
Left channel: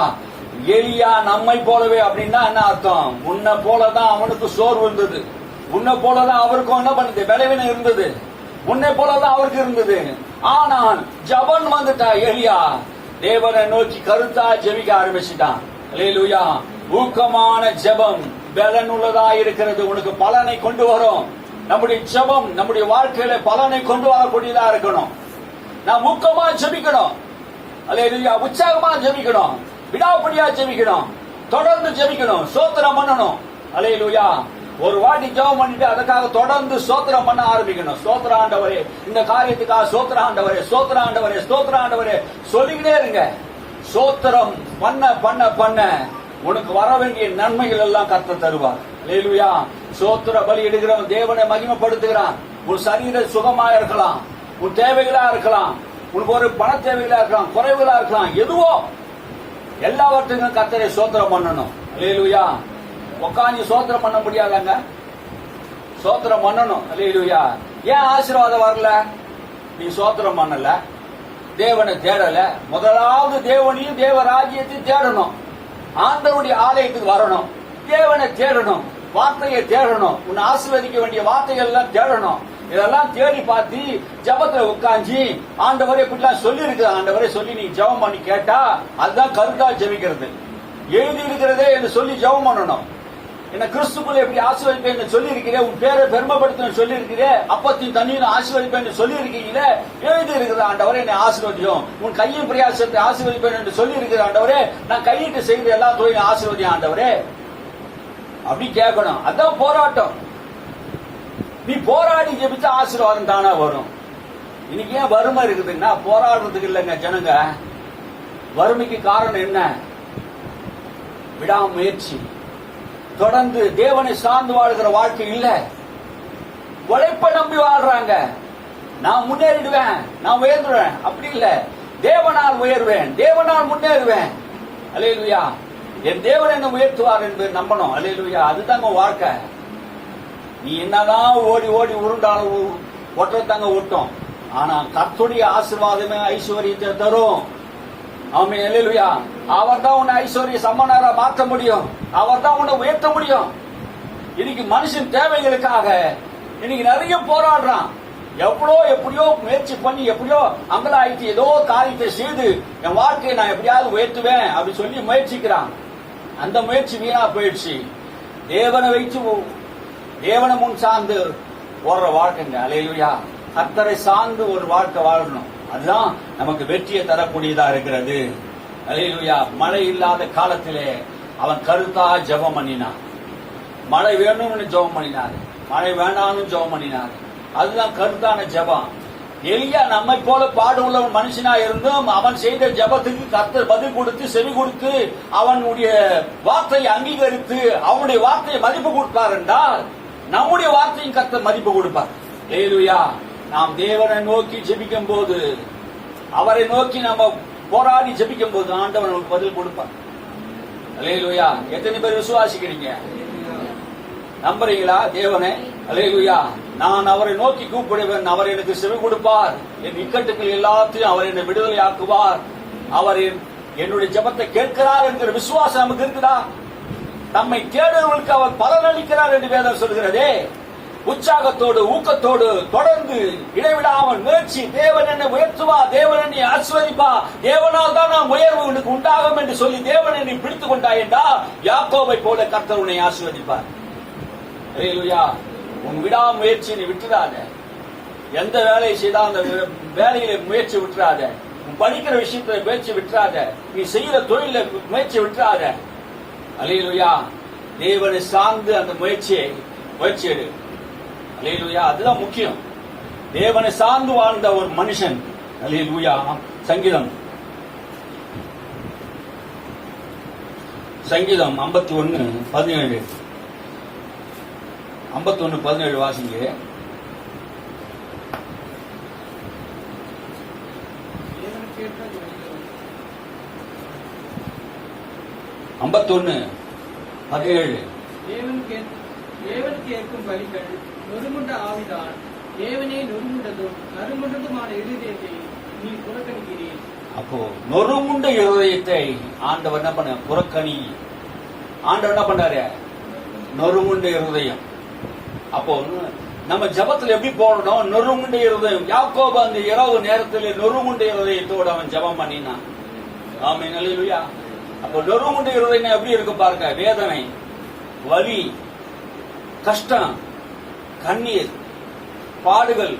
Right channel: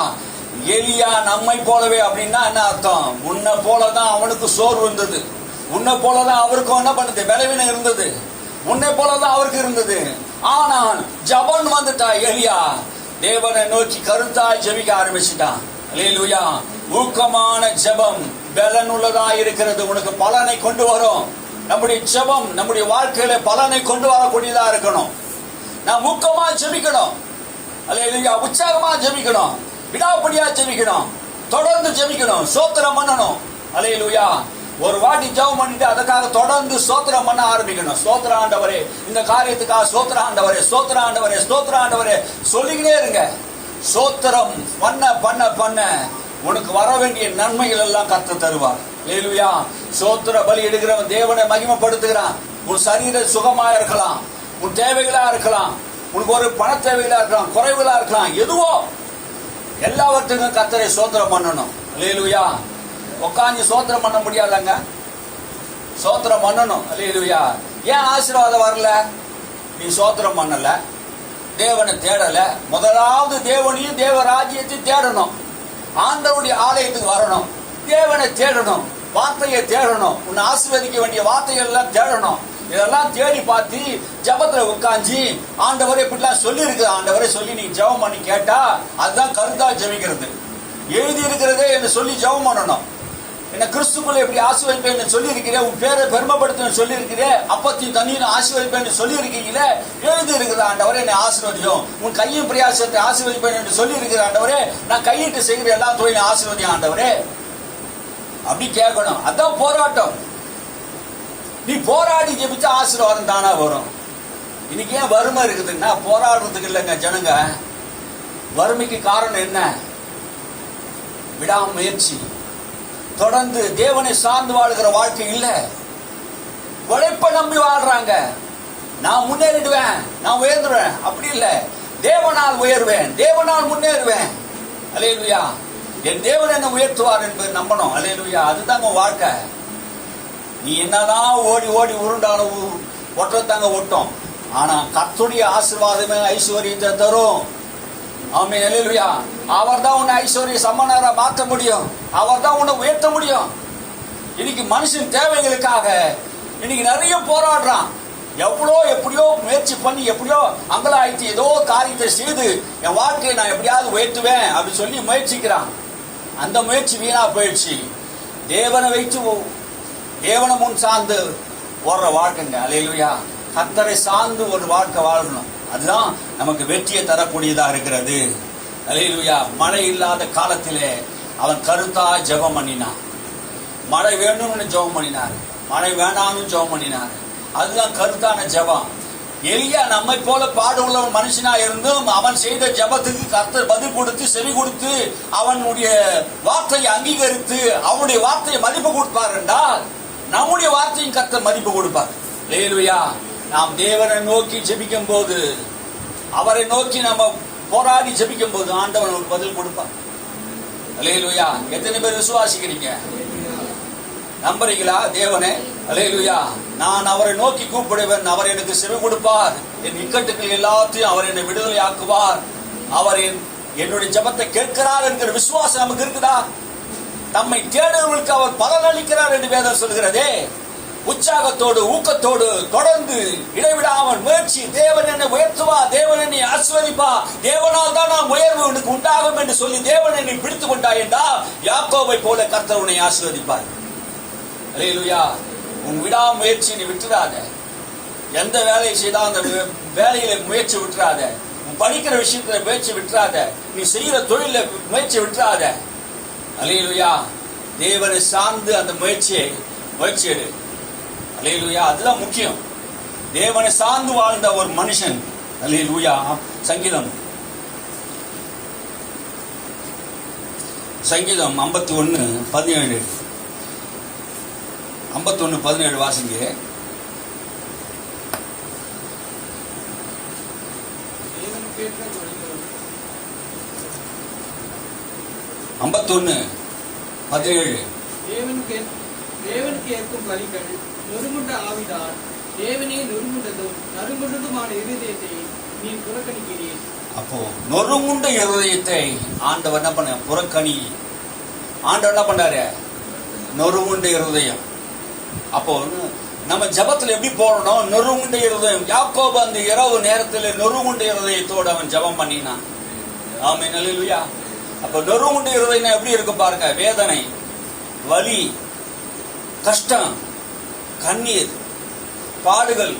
எலியா நம்மை போலவே அப்படின்னா என்ன அர்த்தம்? உன்னை போலதான் அவனுக்கு சோர்வு இருந்தது, உன்னை போலதான் அவருக்கும் என்ன பண்ணுது, பலவீனம் இருந்தது, உன்னை போலதான் அவருக்கு இருந்தது. ஆனால் ஜபன் வந்துட்டா எலியா தேவனை நோக்கி கருத்தா ஜெபிக்க ஆரம்பிச்சுட்டான். அல்லேலூயா. ஊக்கமான ஜெபம் பலன் உள்ளதா இருக்கிறது. உனக்கு பலனை கொண்டு வரும். நம்முடைய ஜெபம் நம்முடைய வாழ்க்கையில பலனை கொண்டு வரக்கூடியதா இருக்கணும். நாம் ஊக்கமா ஜெபிக்கணும். அல்லேலூயா. உற்சாகமா ஜெபிக்கணும், விடாப்படியா ஜெபிக்கணும், தொடர்ந்து ஜெபிக்கணும், ஸ்தோத்திரம் பண்ணணும். அல்லேலூயா. ஒரு வாட்டி ஜெபம் பண்ணிட்டு அதுக்காக தொடர்ந்து ஸ்தோத்திரம் பண்ண ஆரம்பிக்கணும். ஸ்தோத்திர ஆண்டவரே, இந்த காரியத்துக்காக ஸ்தோத்திர ஆண்டவரே, ஸ்தோத்திர ஆண்டவரே, ஸ்தோத்திர ஆண்டவரே சொல்லிக்கிட்டே இருங்க. ஸ்தோத்திரம் பண்ண பண்ண பண்ண உனக்கு வர வேண்டிய நன்மைகள் எல்லாம் கர்த்தர் தருவார். அல்லேலூயா. ஸ்தோத்திர பலி எடுக்கிறவன் தேவனை மகிமைப்படுத்துகிறான். உன் சரீர சுகமா இருக்கலாம், உன் தேவைகளா இருக்கலாம், உனக்கு ஒரு பண தேவைகளா இருக்கலாம், குறைவுகளா இருக்கலாம், எதுவோ எல்லாவற்றுக்கும் கர்த்தரை ஸ்தோத்திரம் பண்ணணும். அல்லேலூயா. உட்காந்து ஸ்தோத்திரம் பண்ண முடியாதாங்க? ஸ்தோத்திரம் பண்ணணும். அல்லேலூயா. ஏன் ஆசீர்வாதம் வரல? நீ ஸ்தோத்திரம் பண்ணல, தேவனை தேடல. முதலாவது தேவனையும் தேவ ராஜ்யத்தையும் தேடணும். ஆண்டவருடைய ஆலயத்துக்கு வரணும், தேவனை தேடணும், வார்த்தையை தேடணும், உன்னை ஆசீர்வதிக்க வேண்டிய வார்த்தைகள் எல்லாம் தேடணும். இதெல்லாம் தேடி பார்த்து ஜபத்துல உட்காந்து ஆண்டவரை இப்படிலாம் சொல்லி இருக்கு, ஆண்டவரை சொல்லி நீ ஜெபம் பண்ணி கேட்டா அதுதான் கருத்தா ஜெபிக்கிறது. எழுதி இருக்கிறதே என்று சொல்லி ஜெபம் பண்ணணும். என்ன கிறிஸ்துக்குள்ள எப்படி ஆசீர்வதிப்பேன் சொல்லி இருக்கிறேன், உன் பேரை பெருமைப்படுத்த சொல்லி இருக்கிறேன், அப்பத்தையும் தண்ணியும் ஆசீர்வதிப்பேன் சொல்லி இருக்கீங்களே, எழுதி இருக்கிற ஆண்டவரே என்னை ஆசீர்வதியும், உன் கையும் பிரயாசத்தை ஆசீர்வதிப்பேன் என்று சொல்லி இருக்கிற ஆண்டவரே, நான் கையிட்டு செய்கிற எல்லா தொழிலும் ஆசீர்வதியும் ஆண்டவரே அப்படி கேட்கணும். அதான் போராட்டம். நீ போராடி ஜெபிச்சா ஆசீர்வாதம் தானா வரும். இன்னைக்கு ஏன் வறுமை இருக்குதுன்னா போராடுறதுக்கு இல்லைங்க ஜனங்க. வறுமைக்கு காரணம் என்ன? விடாமுயற்சி. தொடர்ந்து தேவனை சார்ந்து வாழ்கிற வாழ்க்கை இல்ல, உழைப்ப நம்பி வாழ்றாங்க. நான் முன்னேறிடுவேன், நான் உயர்ந்துடுவேன், அப்படி இல்ல. தேவனால் உயர்வேன், தேவனால் முன்னேறுவேன். அல்லேலூயா. என் தேவன் என்ன உயர்த்துவார் என்பதை நம்பணும். அல்லேலூயா. அதுதாங்க வாழ்க்கை. நீ என்னதான் ஓடி ஓடி உருண்டாலும் ஒற்றத்தாங்க ஒட்டும். ஆனா கர்த்தருடைய ஆசீர்வாதமே ஐஸ்வர்யத்தை தரும். ஆமென். அல்லேலூயா. அவர் தான் உன்னை ஐஸ்வர்ய சம்பன்னரா மாற்ற முடியும், அவர் தான் உன்னை உயர்த்த முடியும். இன்னைக்கு மனுஷன் தேவைகளுக்காக இன்னைக்கு நிறைய போராடுறான். எப்படியோ முயற்சி பண்ணி எப்படியோ அங்கலாய்த்து ஏதோ காரியத்தை செய்து என் வாழ்க்கையை நான் எப்படியாவது உயர்த்துவேன் அப்படி சொல்லி முயற்சிக்கிறான். அந்த முயற்சி வீணா போயிடுச்சு. தேவனை வைத்து தேவனை முன் சார்ந்து ஓடுற வாழ்க்கைங்க. அல்லேலூயா. கர்த்தரை சார்ந்து ஒரு வாழ்க்கை வாழணும். அதுதான் நமக்கு வெற்றியை தரக்கூடியதா இருக்கிறது. அல்லேலூயா. மழை இல்லாத காலத்திலே அவன் கருத்தா ஜெபம் பண்ணினான். மழை வேணும்னு ஜெபம் பண்ணினார், மழை வேண்டாம்னு ஜெபம் பண்ணினார். அதுதான் கருத்தான ஜெபம். எலியா நம்மை போல பாடு உள்ள மனுஷனா இருந்தும் அவன் செய்த ஜெபத்துக்கு கர்த்தர் பதில் கொடுத்து செவி கொடுத்து அவனுடைய வார்த்தையை அங்கீகரித்து அவனுடைய வார்த்தையை மதிப்பு கொடுப்பார் என்றால் நம்முடைய வார்த்தையும் கர்த்தர் மதிப்பு கொடுப்பார். அல்லேலூயா. நாம் தேவனை நோக்கி ஜெபிக்கும் போது, அவரை நோக்கி நம்ம போராடி ஜெபிக்கும் போது ஆண்டவன் ஒரு பதில் கொடுப்பார். அல்லேலூயா. எத்தனை பேர் விசுவாசிக்கிறீங்க? நம்புறீங்களா தேவனே? அல்லேலூயா. நான் அவரை நோக்கி கூப்பிடுவேன், அவர் எனக்கு செவி கொடுப்பார், என் இக்கட்டுகள் எல்லாத்தையும் அவர் என்னை விடுதலை ஆக்குவார், அவர் என்னுடைய ஜெபத்தை கேட்கிறார் என்கிற விசுவாசம் நமக்கு இருக்குதா? தம்மை தேடுவர்களுக்கு அவர் பலன் அளிக்கிறார் என்று வேதம் சொல்கிறதே. உற்சாகத்தோடு ஊக்கத்தோடு தொடர்ந்து இடைவிடாமல் முயற்சி. தேவன் என்னை உயர்த்துவா, தேவன் என்னை ஆசீர்வதிப்பா, தேவனால் தான் நாம் உயர்வு எனக்கு உண்டாகும் என்று சொல்லி தேவன் என்னை பிடித்துக் கொண்டாய் என்றால் யாக்கோபை போல கர்த்தர் உன்னை ஆசீர்வதிப்பார். அல்லேலூயா. உன் விடாமுயற்சி நீ விட்டுறாத. எந்த வேலையை செய்தால் அந்த வேலையில முயற்சி விட்டுறாத. உன் படிக்கிற விஷயத்துல முயற்சி விட்டுறாத. நீ செய்யற தொழில முயற்சி விட்டுறாத. அல்லேலூயா. தேவனை சார்ந்து அந்த முயற்சி எடு. அல்லேலூயா. அதுதான் முக்கியம். தேவனை சார்ந்து வாழ்ந்த ஒரு மனுஷன். அல்லேலூயா. சங்கீதம் 51:17. 51:17 வாசிங்க. தேவனுக்கு ஏற்கும் பலிகள் நொறுங்குண்ட ஆவிதான் தேவனே நொறுங்குண்டதும் நறுங்குண்டதுமான இருதயத்தை நீ புறக்கணிக்கிறீர். அப்போ நொறுங்குண்ட இருதயத்தை ஆண்டவர் என்ன பண்ண? புறக்கணி. ஆண்டவர் என்ன பண்றாரு? நொறுங்குண்ட இருதயம். அப்போ நம்ம ஜபத்துல எப்படி போடணும்? நொறுங்குண்ட இருதயம். யாக்கோபு அந்த இரவு நேரத்தில் நொறுங்குண்ட இருதயத்தோடு அவன் ஜபம் பண்ணினான். ஆமென். அல்லேலூயா. அப்போ நொறுங்குண்ட இருதயம் எப்படி இருக்கு பாருங்க. வேதனை, வலி, கஷ்டம், கண்ணீர், பாடுகள்.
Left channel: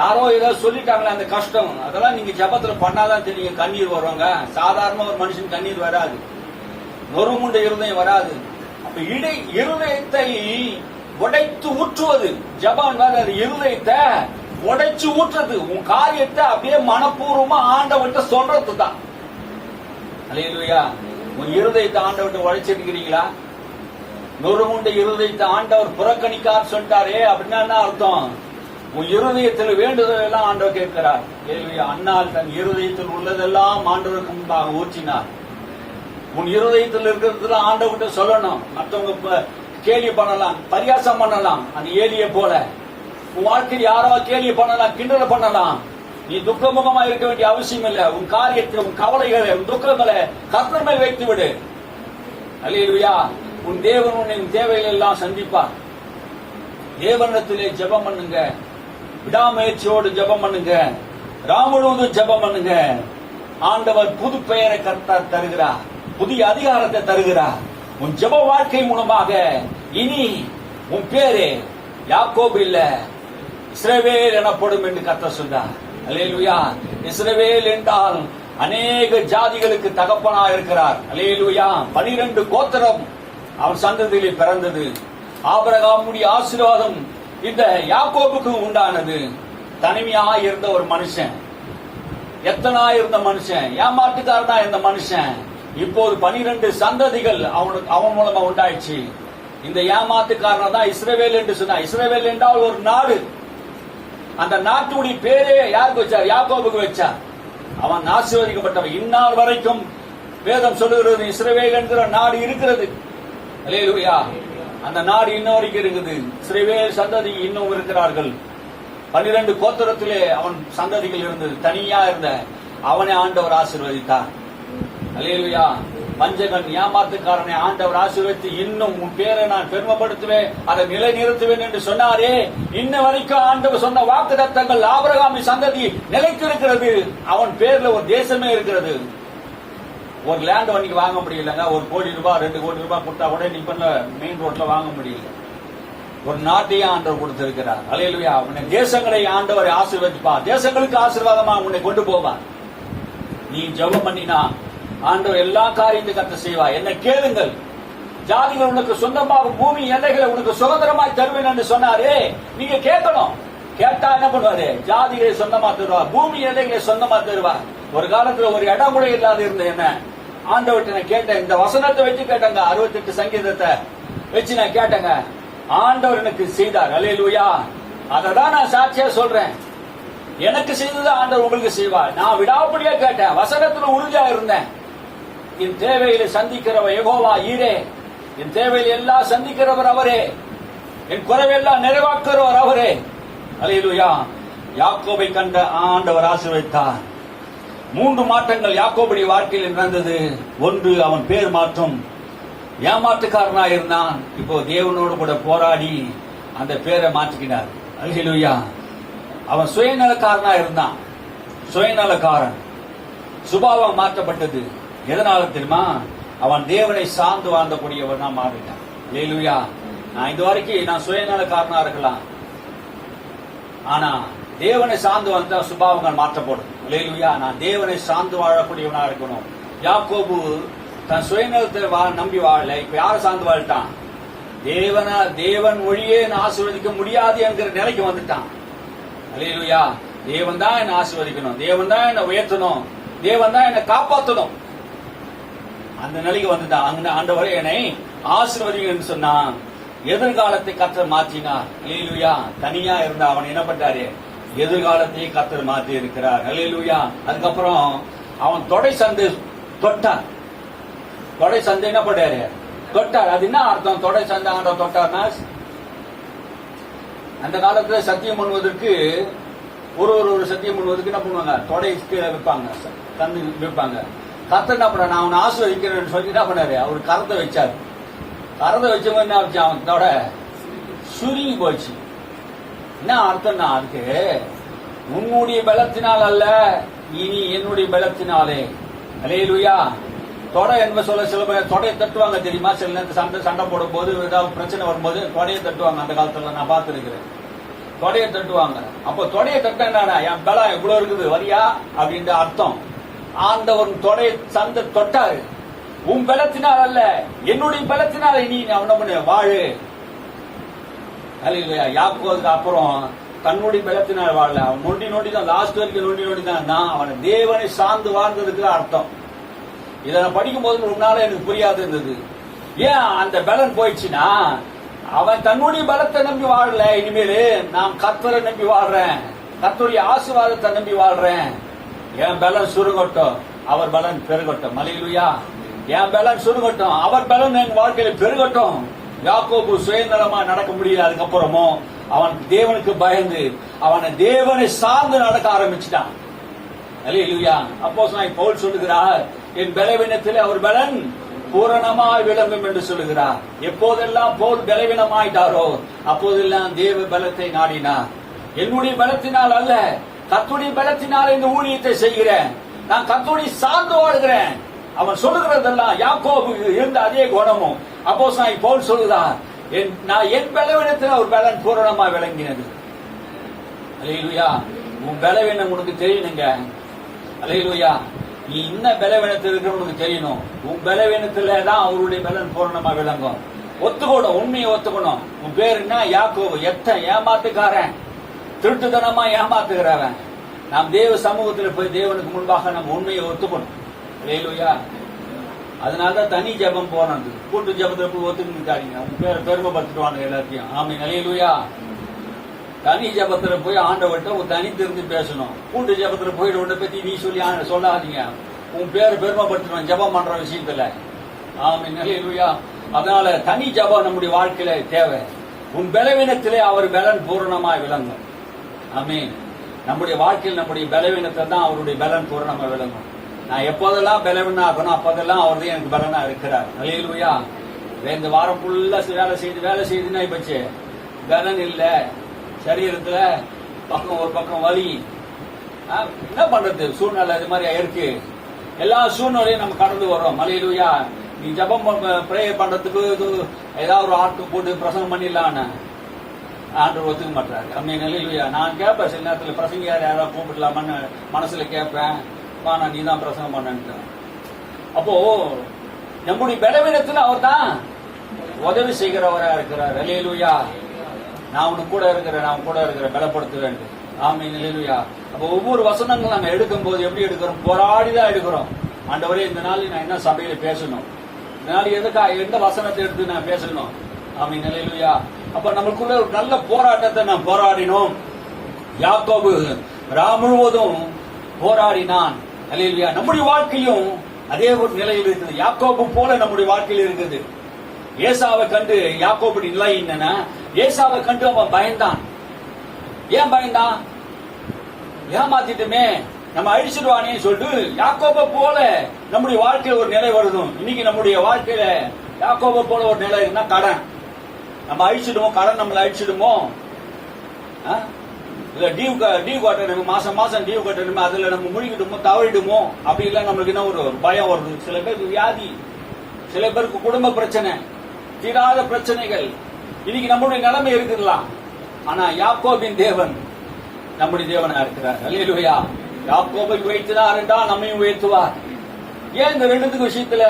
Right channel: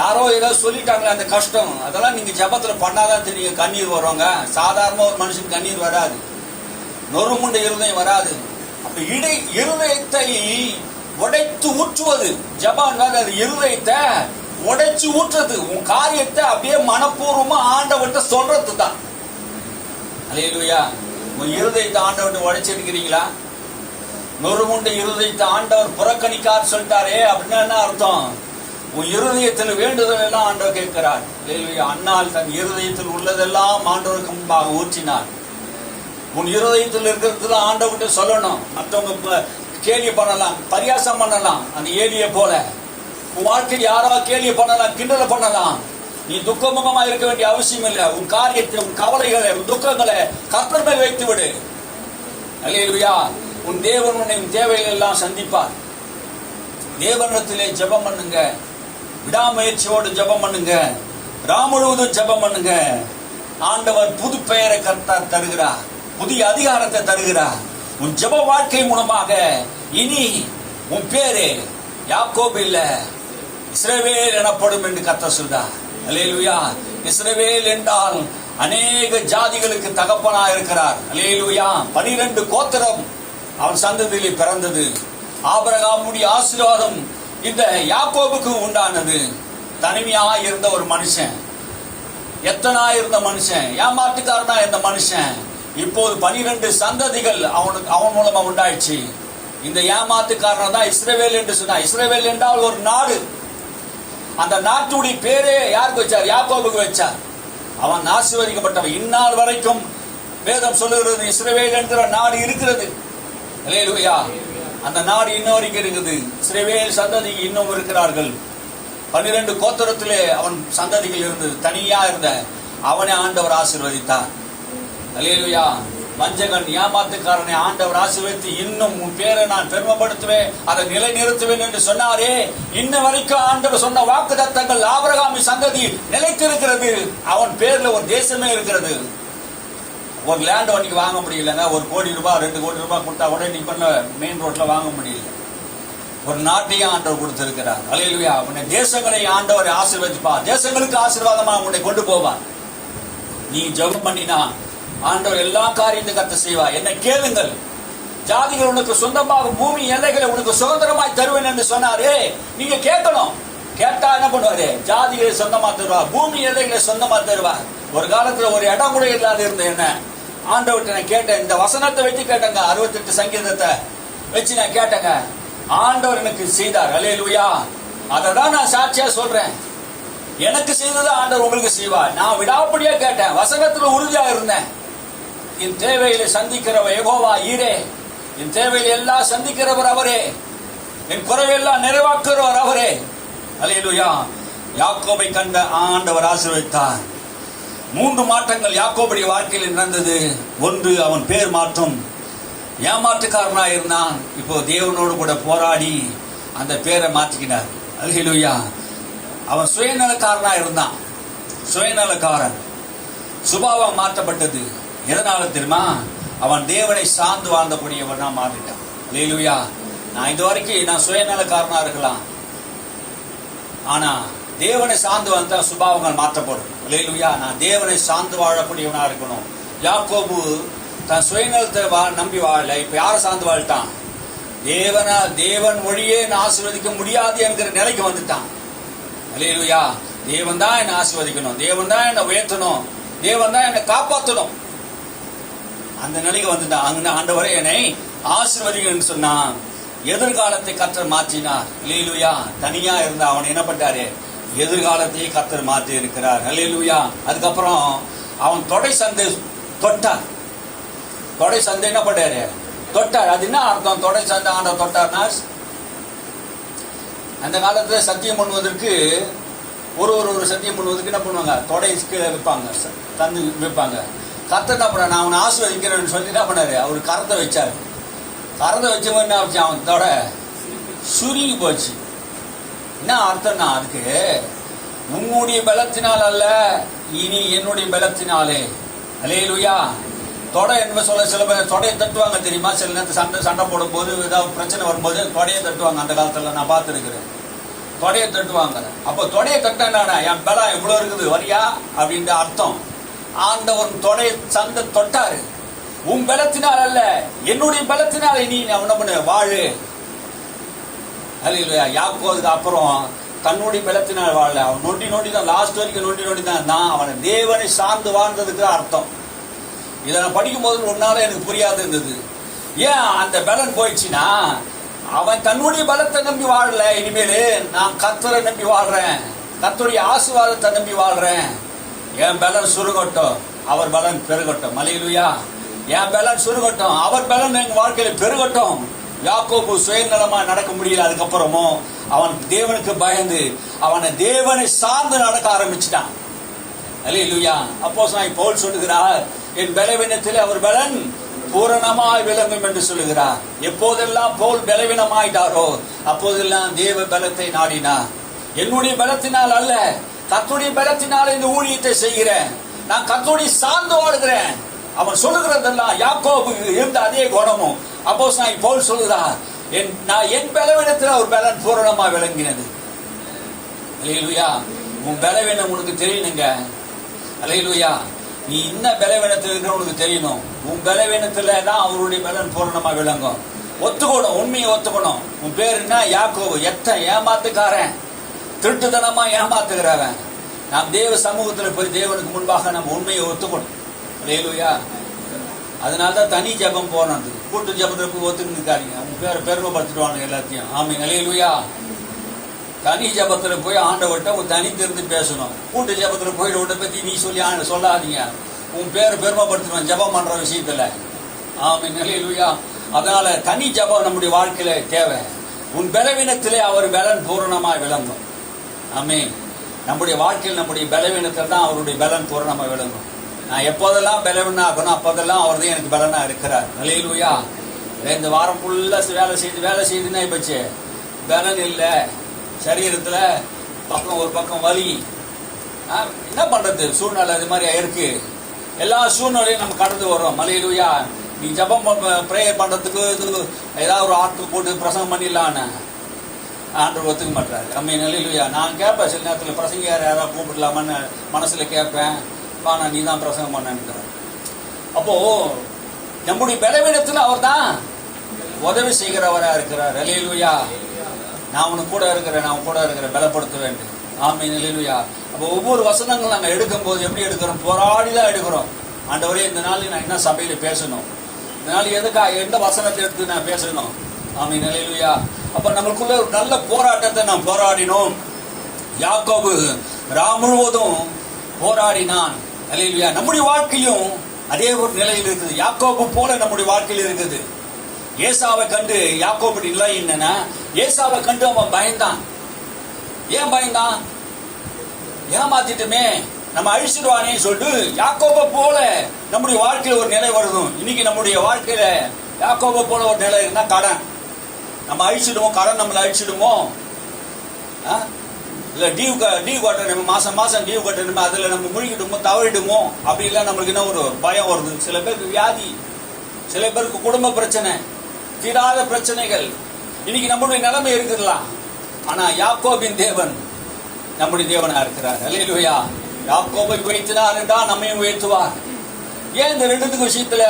யாரோ ஏதாவது சொல்லிட்டாங்களே அந்த கஷ்டம், அதெல்லாம் நீங்க ஜபத்துல பண்ணாதான் தெரியும். கண்ணீர் வருவாங்க. சாதாரண ஒரு மனுஷன் கண்ணீர் வராது, நொறுங்குண்ட இருதயம் வராது. அப்ப இருதயத்தை உடைத்து ஊற்றுவது ஜபம். அது இருதயத்தை உடைச்சு ஊற்றுறது. உன் காரியத்தை அப்படியே மனப்பூர்வமா ஆண்டவன்ட்ட சொல்றது தான். அல்லேலூயா. உன் இருதயத்தை ஆண்டவன்ட்ட உடைச்சிருக்கிறீங்களா? நொறுங்குண்ட இருதயத்தை ஆண்டவர் புறக்கணிக்கார் சொல்லிட்டாரே அப்படின்னா என்ன அர்த்தம்? உன் இருதயத்தில் வேண்டுதல் எல்லாம் ஆண்டவர் கேட்கிறார். அல்லேலூயா. அண்ணால் தன் இருதயத்தில் உள்ளதெல்லாம் ஆண்டவருக்கு முன்பாக ஊற்றினார். உன் இருதயத்தில் இருக்கிறது ஆண்டவர்கிட்ட சொல்லணும். மற்றவங்க கேலி பண்ணலாம், பரியாசம் பண்ணலாம், அந்த ஏலிய போல. உன் வாழ்க்கையில் யாரோ கேலி பண்ணலாம், கிண்டல பண்ணலாம். நீ துக்கமுகமா இருக்க வேண்டிய அவசியம் இல்லை. உன் காரியத்தை, உன் கவலைகளை, உன் துக்கங்களை கர்த்தர் மேல் வைத்து விடு. அல்லேலூயா. உன் தேவன் உன்னை உன் தேவைகள் எல்லாம் சந்திப்பார். தேவனிடத்திலே ஜெபம் பண்ணுங்க. விடாமுயற்சியோடு ஜெபம் பண்ணுங்க. ராம் முழுவதும் ஜெபம் பண்ணுங்க. ஆண்டவர் புது பெயரை கர்த்தர் தருகிறார், புதிய அதிகாரத்தை தருகிறார். உன் ஜெப வாழ்க்கை மூலமாக இனி உன் பேரு யாக்கோபு இல்ல, இஸ்ரவேல் எனப்படும் என்று கர்த்தர் சொல்றார். அல்லேலூயா. இஸ்ரவேல் என்றால் அநேக ஜாதிகளுக்கு தகப்பனா இருக்கிறார். அல்லேலூயா. 12 கோத்திரம் அவன் சந்ததியிலே பிறந்தது. ஆபிரகாமுடைய ஆசீர்வாதம் இந்த யாக்கோபுக்கு உண்டானது. தனிமையா இருந்த ஒரு மனுஷன், எத்தனா இருந்த மனுஷன், ஏமாட்டுக்காரனா இருந்த மனுஷன், இப்போது 12 சந்ததிகள் அவன் மூலமா உண்டாயிடுச்சு. இந்த ஏமாத்துக்காரன் தான் இஸ்ரவேல் என்று சொன்னார். இஸ்ரவேல் என்றால் ஒரு நாடு. அந்த நாட்டுடைய பேரே யாருக்கு வச்சார்? யாக்கோபுக்கு வச்சார். அவன் ஆசீர்வதிக்கப்பட்டவன். இந்நாள் வரைக்கும் வேதம் சொல்லுகிறது இஸ்ரவேல் என்கிற நாடு இருக்கிறது. அல்லேலூயா. அந்த நாடு இன்னும் வரைக்கும் இருக்குது. இஸ்ரவேல் சந்ததி இன்னும் இருக்கிறார்கள். 12 கோத்திரத்திலே அவன் சந்ததிகள் இருந்தது. தனியா இருந்த அவனை ஆண்டவர் ஆசீர்வதித்தார். அல்லேலூயா. வஞ்சகன், ஏமாத்துக்காரனை ஆண்டவர் ஆசீர்வதித்து இன்னும் உன் பேரை நான் பெருமைப்படுத்துவேன், அதை நிலை நிறுத்துவேன் என்று சொன்னாரே. இன்ன வரைக்கும் ஆண்டவர் சொன்ன வாக்குத்தத்தங்கள் ஆபிரகாமின் சந்ததி நிலைத்திருக்கிறது. அவன் பேர்ல ஒரு தேசமே இருக்கிறது. ஒரு லேண்ட் வண்டிக்கு வாங்க முடியலங்க. 1 கோடி ரூபாய் 2 கோடி ரூபாய் கொடுத்தா கூட நீங்க மெயின் ரோட்ல வாங்க முடியல. ஒரு நாட்டையும் ஆண்டவர் கொடுத்திருக்கிறார். அல்லேலூயா. உன்னை தேசங்களை ஆண்டவர் ஆசீர்வதிப்பார். தேசங்களுக்கு ஆசீர்வாதமா உன்னை கொண்டு போவார். நீ ஜெபம் பண்ணினா ஆண்டவர் எல்லா காரியத்தையும் கர்த்தர் செய்வார். என்ன கேளுங்கள், ஜாதிகள் உனக்கு சொந்தமாக பூமி எல்லைகளை உனக்கு சுதந்திரமாய் தருவேன் என்று சொன்னாரு. நீங்க கேட்கணும். கேட்டா என்ன பண்ணுவாரு? ஜாதிகளை சொந்தமா தருவார், பூமி எல்லைகளை சொந்தமா தருவார். ஒரு காலத்துல ஒரு இடம் கூட இல்லாத இருந்த என்ன ஆண்டவர்கிட்ட நான் கேட்டேன். இந்த வசனத்தை வச்சு கேட்டேங்க, 68 சங்கீதத்தை வச்சு நான் கேட்டேங்க. ஆண்டவர் எனக்கு செய்தார். அல்லேலூயா. அததான் நான் சாட்சியா சொல்றேன். எனக்கு செய்தது ஆண்டவர் உங்களுக்கு செய்வார். நான் விடாப்படியா கேட்டேன், வசனத்துல உறுதியா இருந்தேன். என் தேவையில சந்திக்கிறவர் யெகோவா ஈரே. என் தேவையில எல்லாம் சந்திக்கிறவர் அவரே. என் குறைவெல்லாம் நிறைவாக்குறவர் அவரே. அல்லேலூயா. யாக்கோபை கண்ட ஆண்டவர் ஆசீர்வதித்தார். 3 மாற்றங்கள் யாக்கோபுடைய வாழ்க்கையில் நடந்தது. ஒன்று, அவன் பேர் மாற்றம். ஏமாற்றுக்காரனாக இருந்தான். இப்போ தேவனோடு கூட போராடி அந்த பேரை மாற்றிக்கினார். அல்லேலூயா. அவன் சுயநலக்காரனா இருந்தான். சுயநலக்காரன். சுபாவம் மாற்றப்பட்டது. எதனால தெரியுமா? அவன் தேவனை சார்ந்து வாழ்ந்தக்கூடியவனா மாறிட்டான். அல்லேலூயா. நான் இது வரைக்கும் நான் சுயநலக்காரனா இருக்கலாம், ஆனா தேவனை சார்ந்து வந்தா சுபாவங்கள் மாற்றப்படும். அல்லேலூயா. நான் தேவனை சார்ந்து வாழக்கூடியவனா இருக்கணும். யாக்கோபு தன் சுயநலத்தை நம்பி வாழல. இப்ப யாரை சார்ந்து வாழ்ட்டான்? தேவன் மொழியே ஆசீர்வதிக்க முடியாது என்கிற நிலைக்கு வந்துட்டான். அல்லேலூயா. தேவன் தான் என்னை ஆசீர்வதிக்கணும், தேவன் தான் என்னை உயர்த்தணும், தேவன் தான் என்னை காப்பாற்றணும். அந்த நிலைக்கு வந்துட்டான். அங்க ஆண்டவரே என்னை ஆசீர்வதிக்கணும்னு சொன்னான். எதிர்காலத்தை கர்த்தர் மாற்றினார். அல்லேலூயா. தனியா இருந்த அவன் என்ன பண்ணாரு? எதிர்காலத்தையே கர்த்தர் மாற்றி இருக்கிறார். அல்லேலூயா. அதுக்கப்புறம் அவன் தொடை சந்தை தொட்டார். தொடை சந்தை என்ன பண்ணாரு? தொட்டார். அது என்ன அர்த்தம்? தொடை சந்தை ஆண்டவர் தொட்டார்னா, அந்த காலத்துல சத்தியம் பண்ணுவதற்கு ஒரு சத்தியம் பண்ணுவதற்கு என்ன பண்ணுவாங்க? தொடைக்கு வைப்பாங்க, தந்து வைப்பாங்க. கர்த்தர் என்ன பண்ண, நான் அவனை ஆசீர்வதிக்கிறேன்னு சொல்லி என்ன பண்ணாரு? அவரு கரத்தை வச்சாரு. கரத்தை வச்சவங்க என்ன ஆச்சு? அவன் தொடை சுருங்கி போச்சு. என்ன அர்த்தம்னா, அதுக்கு உன்னுடைய பலத்தினால் அல்ல, இனி என்னுடைய பலத்தினாலே. அல்லேலூயா. தொடை என்ன சொல்ல, சில பேர் தொடையை தட்டுவாங்க தெரியுமா? சில நேரத்தில் சண்டை போடும் போது, ஏதாவது பிரச்சனை வரும்போது தொடையை தட்டுவாங்க. அந்த காலத்துல நான் பார்த்துருக்கிறேன். தொடையை தட்டுவாங்க. அப்போ தொடையை தட்டினா என் பலம் எவ்வளவு இருக்குது வரியா அப்படின்னு அர்த்தம். ஆண்டவர் தொடையை சந்தை தொட்டாரு. உன் பலத்தினால் அல்ல, என்னுடைய பலத்தினால் இனி அவன வாழு. அல்லேலூயா. யாக்கோபுக்கு அப்புறம் தன்னுடைய பலத்தினால் வாழல. அவன் நொண்டி தான், லாஸ்ட் வரைக்கும் நொண்டி தான் அவன் தேவனை சார்ந்து வாழ்ந்ததுக்கு அர்த்தம். இதை நான் படிக்கும் போது ஒரு நாள் எனக்கு புரியாது இருந்தது. ஏன் அந்த பலன் போயிடுச்சுன்னா, அவன் தன்னுடைய பலத்தை நம்பி வாழல. இனிமேல் நான் கர்த்தரை நம்பி வாழ்றேன், கர்த்தருடைய ஆசீர்வாதத்தை நம்பி வாழ்றேன். என் பலன் சுருங்கட்டும், அவர் பலன் பெருகட்டும். அல்லேலூயா. என் பலன் சுருங்கட்டும், அவர் பலன் எங்க வாழ்க்கையில பெருகட்டும். யாக்கோபு சுயநலமா நடக்க முடியல. அதுக்கப்புறமும் அவன் தேவனுக்கு பயந்து அவனை தேவனை சார்ந்து நடக்க ஆரம்பிச்சுட்டான். அல்லேலூயா. அப்போஸ்தலனாகிய பவுல் சொல்லுகிறார், என் பலவீனத்திலே அவர் பலன் பூரணமாய் விளங்கும் என்று சொல்லுகிறார். எப்போதெல்லாம் பவுல் பலவீனமாயிட்டாரோ அப்போதெல்லாம் தேவ பலத்தை நாடினார். என்னுடைய பலத்தினால் அல்ல, கர்த்தருடைய பலத்தினால் இந்த ஊழியத்தை செய்கிறேன். நான் கர்த்தருடைய சார்ந்து வாழ்கிறேன். அவன் சொல்லுகிறதெல்லாம் யாக்கோபு இருந்த அதே குணமும் அப்போஸ்தலனாகிய பவுல் சொல்லுகிறார், என் பலவீனத்தில் அவர் பலன் பூரணமாய் விளங்கினது. அல்லேலூயா. உன் பலவீனம் உனக்கு தெரியணுங்க. அல்லேலூயா. நீ இன்னும் பலவீனத்தில் இருக்கிற உனக்கு தெரியணும். உன் பலவீனத்துல தான் அவருடைய பலன் பூரணமா விளங்கும். ஒத்துக்கணும், உண்மையை ஒத்துக்கணும். உன் பேர் என்ன? யாக்கோபு. எத்தனை ஏமாத்துக்காரன், திருட்டுத்தனமா ஏமாத்துகிறவன். நாம் தேவ சமூகத்தில் போய் தேவனுக்கு முன்பாக நம்ம உண்மையை ஒத்துக்கணும். அல்லேலூயா. அதனாலதான் தனி ஜபம் போனது. கூட்டு ஜபத்துல போய் ஒத்துக்கிட்டு இருக்காங்க. உன் பேரை பெருமைப்படுத்திடுவாங்க எல்லாத்தையும். ஆமீன். அல்லேலூயா. தனி ஜபத்துல போய் ஆண்டவர்கிட்ட ஒரு தனித்திருந்து பேசணும். கூட்டு ஜபத்துல போயிட்டு உன்னை பத்தி நீ சொல்லி சொல்லாதீங்க. உன் பேரை பெருமைப்படுத்தணும் ஜபம் பண்ற விஷயத்துல. ஆமீன். அல்லேலூயா. அதனால தனி ஜபம் நம்முடைய வாழ்க்கையில தேவை. உன் பலவீனத்திலே அவர் பலன் பூரணமாய் விளங்கும். ஆமீன். நம்முடைய வாழ்க்கையில் நம்முடைய பலவீனத்தில் தான் அவருடைய பலன் பூரணமா விளங்கும். நான் எப்போதெல்லாம் பலவீனா ஆகணும் அப்போதெல்லாம் அவர் தான் எனக்கு பலனா இருக்கிறார். அல்லேலூயா. இந்த வாரம் ஃபுல்லா வேலை செய்துன்னா இப்பச்சு பலன் இல்லை. சரீரத்துல ஒரு பக்கம் வலி. என்ன பண்றது? சூழ்நிலை இது மாதிரி இருக்கு. எல்லா சூழ்நிலையும் நம்ம கடந்து வர்றோம். அல்லேலூயா. நீ ஜபம் பிரேயர் பண்றதுக்கு இது ஏதாவது ஒரு ஆட்கள் போட்டு பிரசங்கம் பண்ணிடலான்னு ஆண்டவர் ஒத்துக்க மாட்டாரு. ஆமென். அல்லேலூயா. நான் கேட்பேன் சில நேரத்தில் பிரசங்க யாராவது கூப்பிடலாமான்னு மனசுல கேட்பேன். நான் நீ தான் பிரசங்கம் பண்ணேன்னு அப்போ நம்முடைய பலவீனத்தில் அவர் தான் உதவி செய்கிறவரா இருக்கிறார். அல்லேலூயா. நான் உனக்கு கூட இருக்கிறேன், நான் கூட இருக்கிறேன், பலப்படுத்த வேண்டும். ஆமென். அல்லேலூயா. அப்போ ஒவ்வொரு வசனங்கள் நாங்கள் எடுக்கும் போது எப்படி எடுக்கிறோம்? போராடி தான் எடுக்கிறோம். ஆண்டவரே, இந்த நாளில் நான் என்ன சபையில பேசணும், இந்த நாள் எதுக்காக எந்த வசனத்தை எடுத்து நான் பேசணும்? ஆமென். அல்லேலூயா. அப்ப நமக்குள்ள ஒரு நல்ல போராட்டத்தை நாம் போராடினோம். யாக்கோபு ராம் முழுவதும் போராடினான். அல்லேலூயா. நம்முடைய வாழ்க்கையும் அதே ஒரு நிலையில் இருக்குது. யாக்கோபு போல நம்முடைய வாழ்க்கையில் இருக்குது. ஏசாவை கண்டு யாக்கோபுடைய நிலை என்னன்னா, ஏசாவை கண்டு அவன் பயந்தான். ஏன் பயந்தான்? ஏமாத்திட்டுமே, நம்ம அழிச்சிடுவானே சொல்லிட்டு யாக்கோபை போல நம்முடைய வாழ்க்கையில ஒரு நிலை வருதும். இன்னைக்கு நம்முடைய வாழ்க்கையில யாக்கோபை போல ஒரு நிலை இருக்குன்னா கடன் நம்ம அழிச்சிடுமோ, கடன் நம்மளை அழிச்சிடுமோ, இல்ல டியூ கட்டணும், மாசம் டியூ கட்டணுமே, அதுல நம்ம முழுகிடுமோ, தவறிடுமோ, அப்படி எல்லாம் நம்மளுக்கு என்ன ஒரு பயம் வருது. சில பேருக்கு வியாதி, சில பேருக்கு குடும்ப பிரச்சனை, தீராத பிரச்சனைகள். இன்னைக்கு நம்முடைய நிலைமை இருக்குதுலாம். ஆனா யாக்கோபின் தேவன் நம்முடைய தேவனா இருக்கிறார். அல்லேலூயா. யாக்கோபை உயர்த்தினார் என்றால் நம்மையும் உயர்த்துவார். ஏன் இந்த ரெண்டுத்துக்கு விஷயத்துல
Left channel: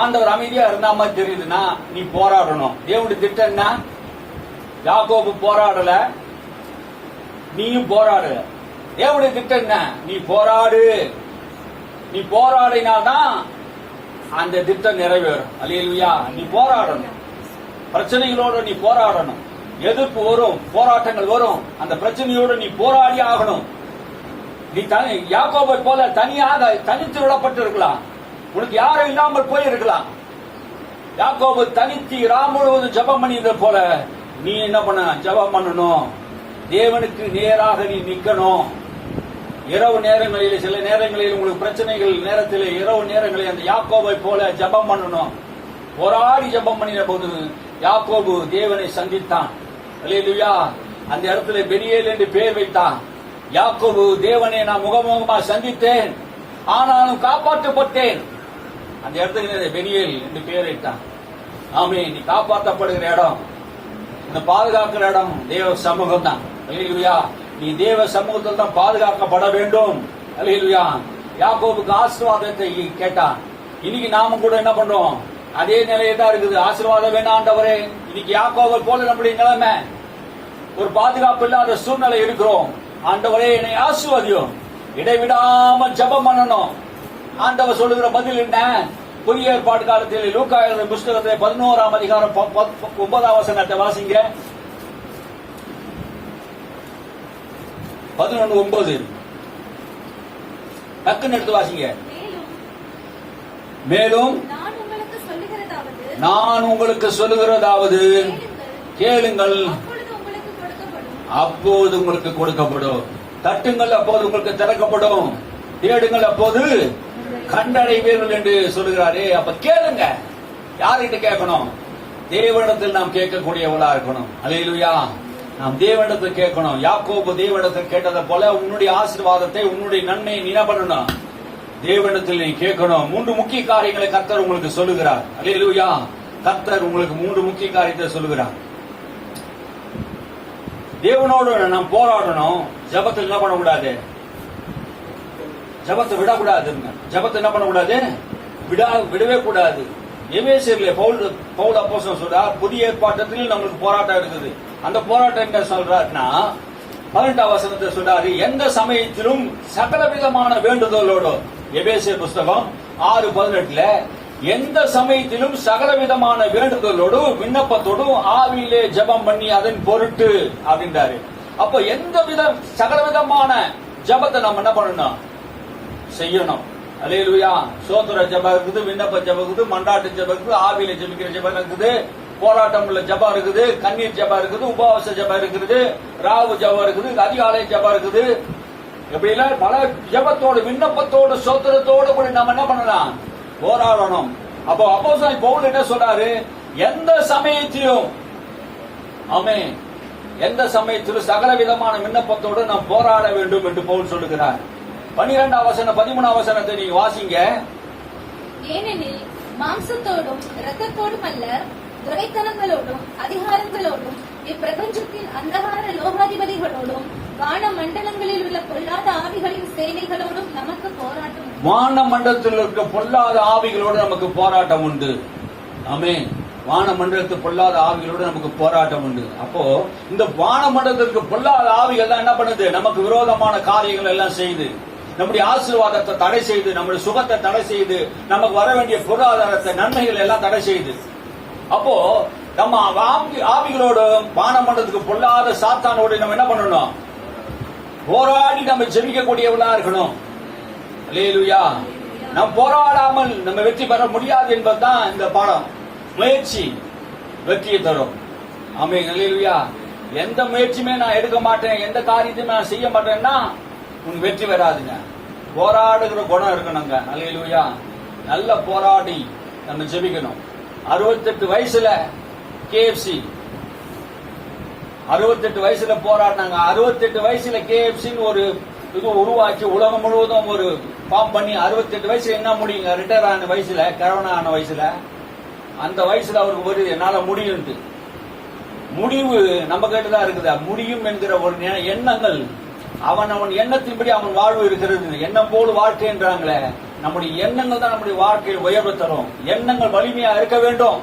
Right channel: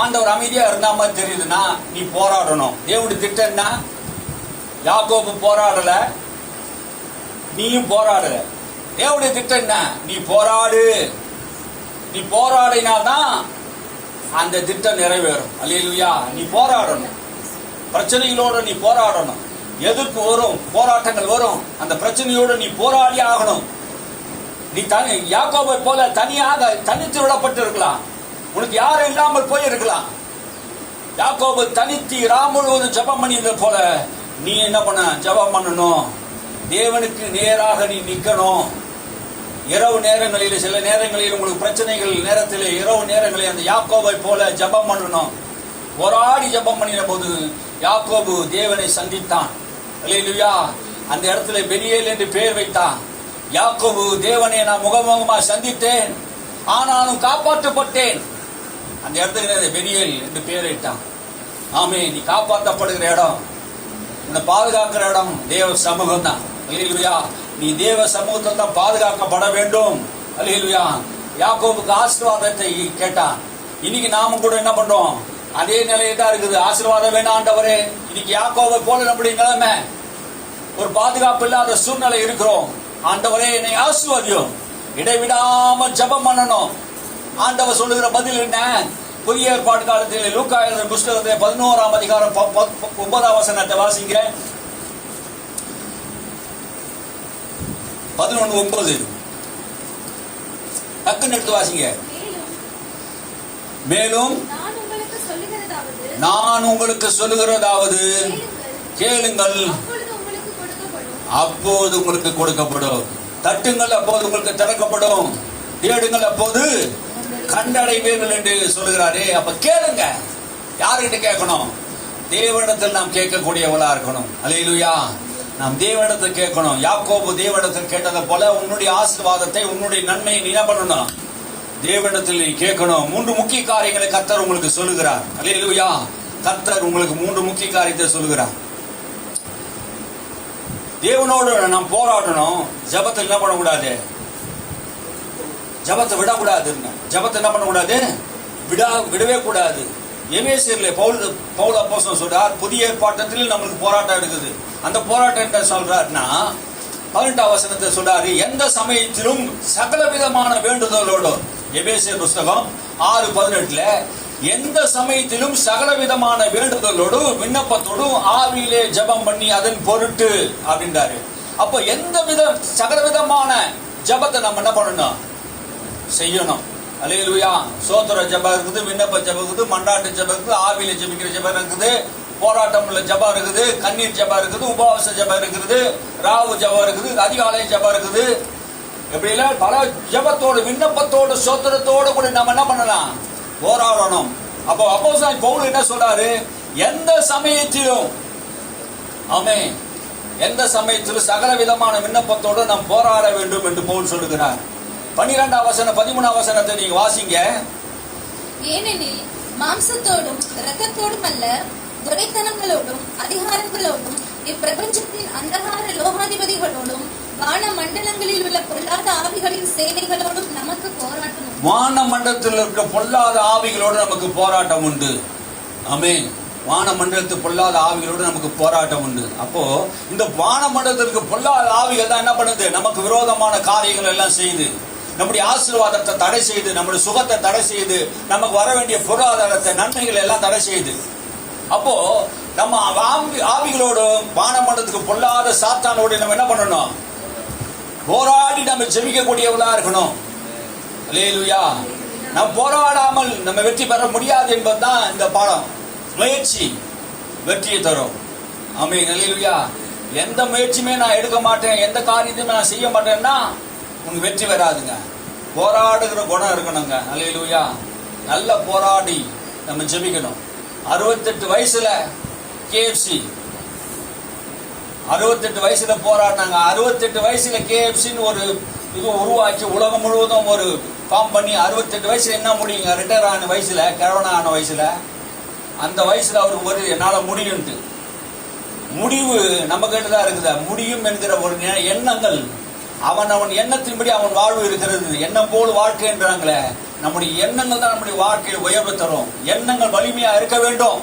ஆண்டவர் அமைதியா இருந்தா மாதிரி தெரியுதுன்னா, நீ போராடணும். தேவனுடைய திட்டம் என்ன? யாக்கோபு போராடல, நீயும் போராடல. தேவனுடைய திட்டம் என்ன? நீ போராடு. நீ போராடினாதான் அந்த திட்டம் நிறைவேறும். அல்லேலூயா. நீ போராடணும். பிரச்சனைகளோட நீ போராடணும். எதிர்ப்பு வரும், போராட்டங்கள் வரும். அந்த பிரச்சனையோடு நீ போராடி ஆகணும். நீ யாக்கோபை போல தனியாக தனித்து விடப்பட்டு இருக்கலாம். உனக்கு யாரும் இல்லாமல் போய் இருக்கலாம். யாக்கோபு தனித்து ராம் முழுவதும் ஜபம் பண்ணியது போல நீ என்ன பண்ண? ஜபம் பண்ணணும். தேவனுக்கு நேராக நீ நிக்கணும். இரவு நேரங்களில், சில நேரங்களில் உங்களுக்கு பிரச்சனைகள் நேரத்தில், இரவு நேரங்களில் அந்த யாக்கோபை போல ஜபம் பண்ணணும். போராடி ஜபம் பண்ணின போது யாக்கோபு தேவனை சந்தித்தான். அல்லேலூயா. அந்த இடத்துல பெரியேல் என்று பெயர் வைத்தான். யாக்கோபு, தேவனை நான் முகமுகமா சந்தித்தேன், ஆனாலும் காப்பாற்றப்பட்டேன். அந்த இடத்துக்கு பெரியேல் என்று பெயர் வைத்தான். ஆமே. நீ காப்பாற்றப்படுகிற இடம், இந்த பாதுகாக்கிற இடம் தேவ சமூகம் தான். அல்லேலூயா. நீ தேவ சமூகத்தில் தான் பாதுகாக்கப்பட வேண்டும். அல்லேலூயா. யாக்கோபுக்கு ஆசீர்வாதத்தை கேட்டான். இன்னைக்கு நாம கூட என்ன பண்றோம்? அதே நிலையை தான் இருக்குது. ஆசீர்வாதம் வேணாம் ஆண்டவரே. இன்னைக்கு யாக்கோபை போல நம்முடைய நிலைமை, ஒரு பாதுகாப்பு இல்லாத சூழ்நிலை இருக்கிறோம். ஆண்டவரே, என்னை ஆசீர்வதியும். இடைவிடாம ஜபம் பண்ணணும். ஆண்டவர் சொல்லுகிற பதில் என்ன? புதிய ஏற்பாடு காலத்தில் லூக்கா எழுதின புஸ்தகத்தை 11ஆம் அதிகாரம் 9ஆம் வசனத்தை வாசிங்க. 11:9 டக்குன்னு எடுத்து வாசிங்க. மேலும் நான் உங்களுக்கு சொல்லுகிறதாவது கேளுங்கள், அப்போது உங்களுக்கு கொடுக்கப்படும். தட்டுங்கள், அப்போது உங்களுக்கு திறக்கப்படும். தேடுங்கள், அப்போது கண்டடைவீர்கள் என்று சொல்லுகிறாரே. அப்ப கேளுங்க. யாருகிட்ட கேட்கணும்? தேவனிடத்தில் நாம் கேட்கக்கூடியவளா இருக்கணும். அல்லேலூயா. நாம் தேவனிடத்தில் கேட்கணும். யாக்கோபு தேவனிடத்தில் கேட்டதை போல உன்னுடைய ஆசீர்வாதத்தை, உன்னுடைய நன்மையை நீ என்ன பண்ணணும்? தேவனிடத்தில் நீ கேட்கணும். 3 முக்கிய காரியங்களை கர்த்தர் உங்களுக்கு சொல்லுகிறார். அல்லேலூயா. கர்த்தர் உங்களுக்கு 3 முக்கிய காரியத்தை சொல்லுகிறார். தேவனோடு நாம் போராடணும். ஜபத்தை என்ன பண்ணக்கூடாது? ஜபத்தை விடக்கூடாது. ஜபத்தை என்ன பண்ணக்கூடாது? விடவே கூடாது. எபேசியர்ல பவுல் அப்போஸ்தலன் சொல்றார், புதிய ஏற்பாட்டில் நம்மளுக்கு போராட்டம் இருக்குது. அந்த போராட்டம் என்ன சொல்றாருன்னா, 18ஆம் வசனத்தை சொல்றாரு, எந்த சமயத்திலும் சகல விதமான வேண்டுதலோடு. எபேசியர் புஸ்தகம் 6:18 எந்த சமயத்திலும் சகல விதமான வேண்டுதலோடு விண்ணப்பத்தோடு ஆவியிலே ஜபம் பண்ணி அதன் பொருட்டு அப்படின்றாரு. அப்ப எந்த சகல விதமான ஜபத்தை நம்ம என்ன பண்ணணும்? செய்யணும். அல்லேலூயா. சோத்திர ஜபம் இருக்குது, விண்ணப்ப ஜபம் இருக்குது, மண்டாட்டு ஜபம் இருக்குது, ஆவியில ஜபிக்கிற ஜபம் இருக்குது, போராட்டம் உள்ள ஜபம் இருக்குது, கண்ணீர் ஜபம் இருக்குது, உபவாச ஜபம் இருக்குது, ராவு ஜபம் இருக்குது, அதிகாலை ஜபம் இருக்குது. எப்படி இல்ல பல ஜபத்தோடு, விண்ணப்பத்தோடு, சோத்திரத்தோடு கூட நம்ம என்ன பண்ணலாம்? போராடணும். அப்போ அப்போஸ்தலன் பவுல் என்ன சொல்றாரு? எந்த சமயத்திலும், ஆமென், எந்த சமயத்திலும் சகல விதமான விண்ணப்பத்தோடு நாம் போராட வேண்டும் என்று பவுல் சொல்லுகிறார். 12ஆம் வசனம் 13ஆம் வசனத்தை நீங்க வாசிங்க. ஏனெனில் மாம்சத்தோடும் இரத்தத்தோடும் அல்ல, துரைத்தனங்களோடும் அதிகாரங்களோடும் இப்பிரபஞ்சத்தின் அந்தகார லோகாதிபதிகளோடும் வான மண்டலங்களில் உள்ள பொல்லாத ஆவிகளின் சேனைகளோடும் நமக்கு போராட்டம் வானமண்டலத்தில் இருக்க பொல்லாத ஆவிகளோடு நமக்கு போராட்டம் உண்டு. ஆமென். வானமண்டலத்து பொல்லாத ஆவிகளோடு நமக்கு போராட்டம் உண்டு. அப்போ இந்த வானமண்டலத்திற்கு பொல்லாத ஆவிகள் தான் என்ன பண்ணுது? நமக்கு விரோதமான காரியங்கள் எல்லாம் செய்து, நம்முடைய ஆசீர்வாதத்தை தடை செய்து, நம்முடைய சுகத்தை தடை செய்து, நமக்கு வர வேண்டிய பொருளாதாரத்தை நன்மைகள் எல்லாம் தடை செய்து. அப்போ நம்ம ஆவிகளோடு வானமண்டலத்துக்கு பொல்லாத சாத்தானோடு நம்ம என்ன பண்ணணும்? போராடி நம்ம ஜெபிக்கக்கூடியவர்களா இருக்கணும். அல்லேலூயா. நம்ம போராடாமல் நம்ம வெற்றி பெற முடியாது என்பதுதான் இந்த பாடம். முயற்சி வெற்றியை தரும். ஆமென். அல்லேலூயா. எந்த முயற்சியுமே நான் எடுக்க மாட்டேன், எந்த காரியத்தையும் நான் செய்ய மாட்டேன்னா உங்களுக்கு வெற்றி வராதுங்க. போராடுகிற குணம் இருக்கணுங்க. அல்லேலூயா. நல்ல போராடி நம்ம ஜெபிக்கணும். 68 வயசுல KFC 68 வயசுல போராடினாங்க. 68 வயசுல KFCன்னு ஒரு இது உருவாக்கி உலகம் முழுவதும் ஒரு ஃபார்ம் பண்ணி 68 வயசுல என்ன முடியுங்க? ரிட்டையர் ஆன வயசுல, கரோனா ஆன வயசுல, அந்த வயசுல அவருக்கு ஒரு என்னால முடியும்ட்டு முடிவு நம்ம கிட்ட தான் இருக்குதா? முடியும் என்கிற ஒரு எண்ணங்கள், அவன் எண்ணத்தின்படி அவன் வாழ்வு இருக்கிறது. எண்ணம் போல் வாழ்க்கை என்றாங்களே, நம்முடைய எண்ணங்கள் தான் நம்முடைய வாழ்க்கையை உயர்வு தரும். எண்ணங்கள் வலிமையா இருக்க வேண்டும்.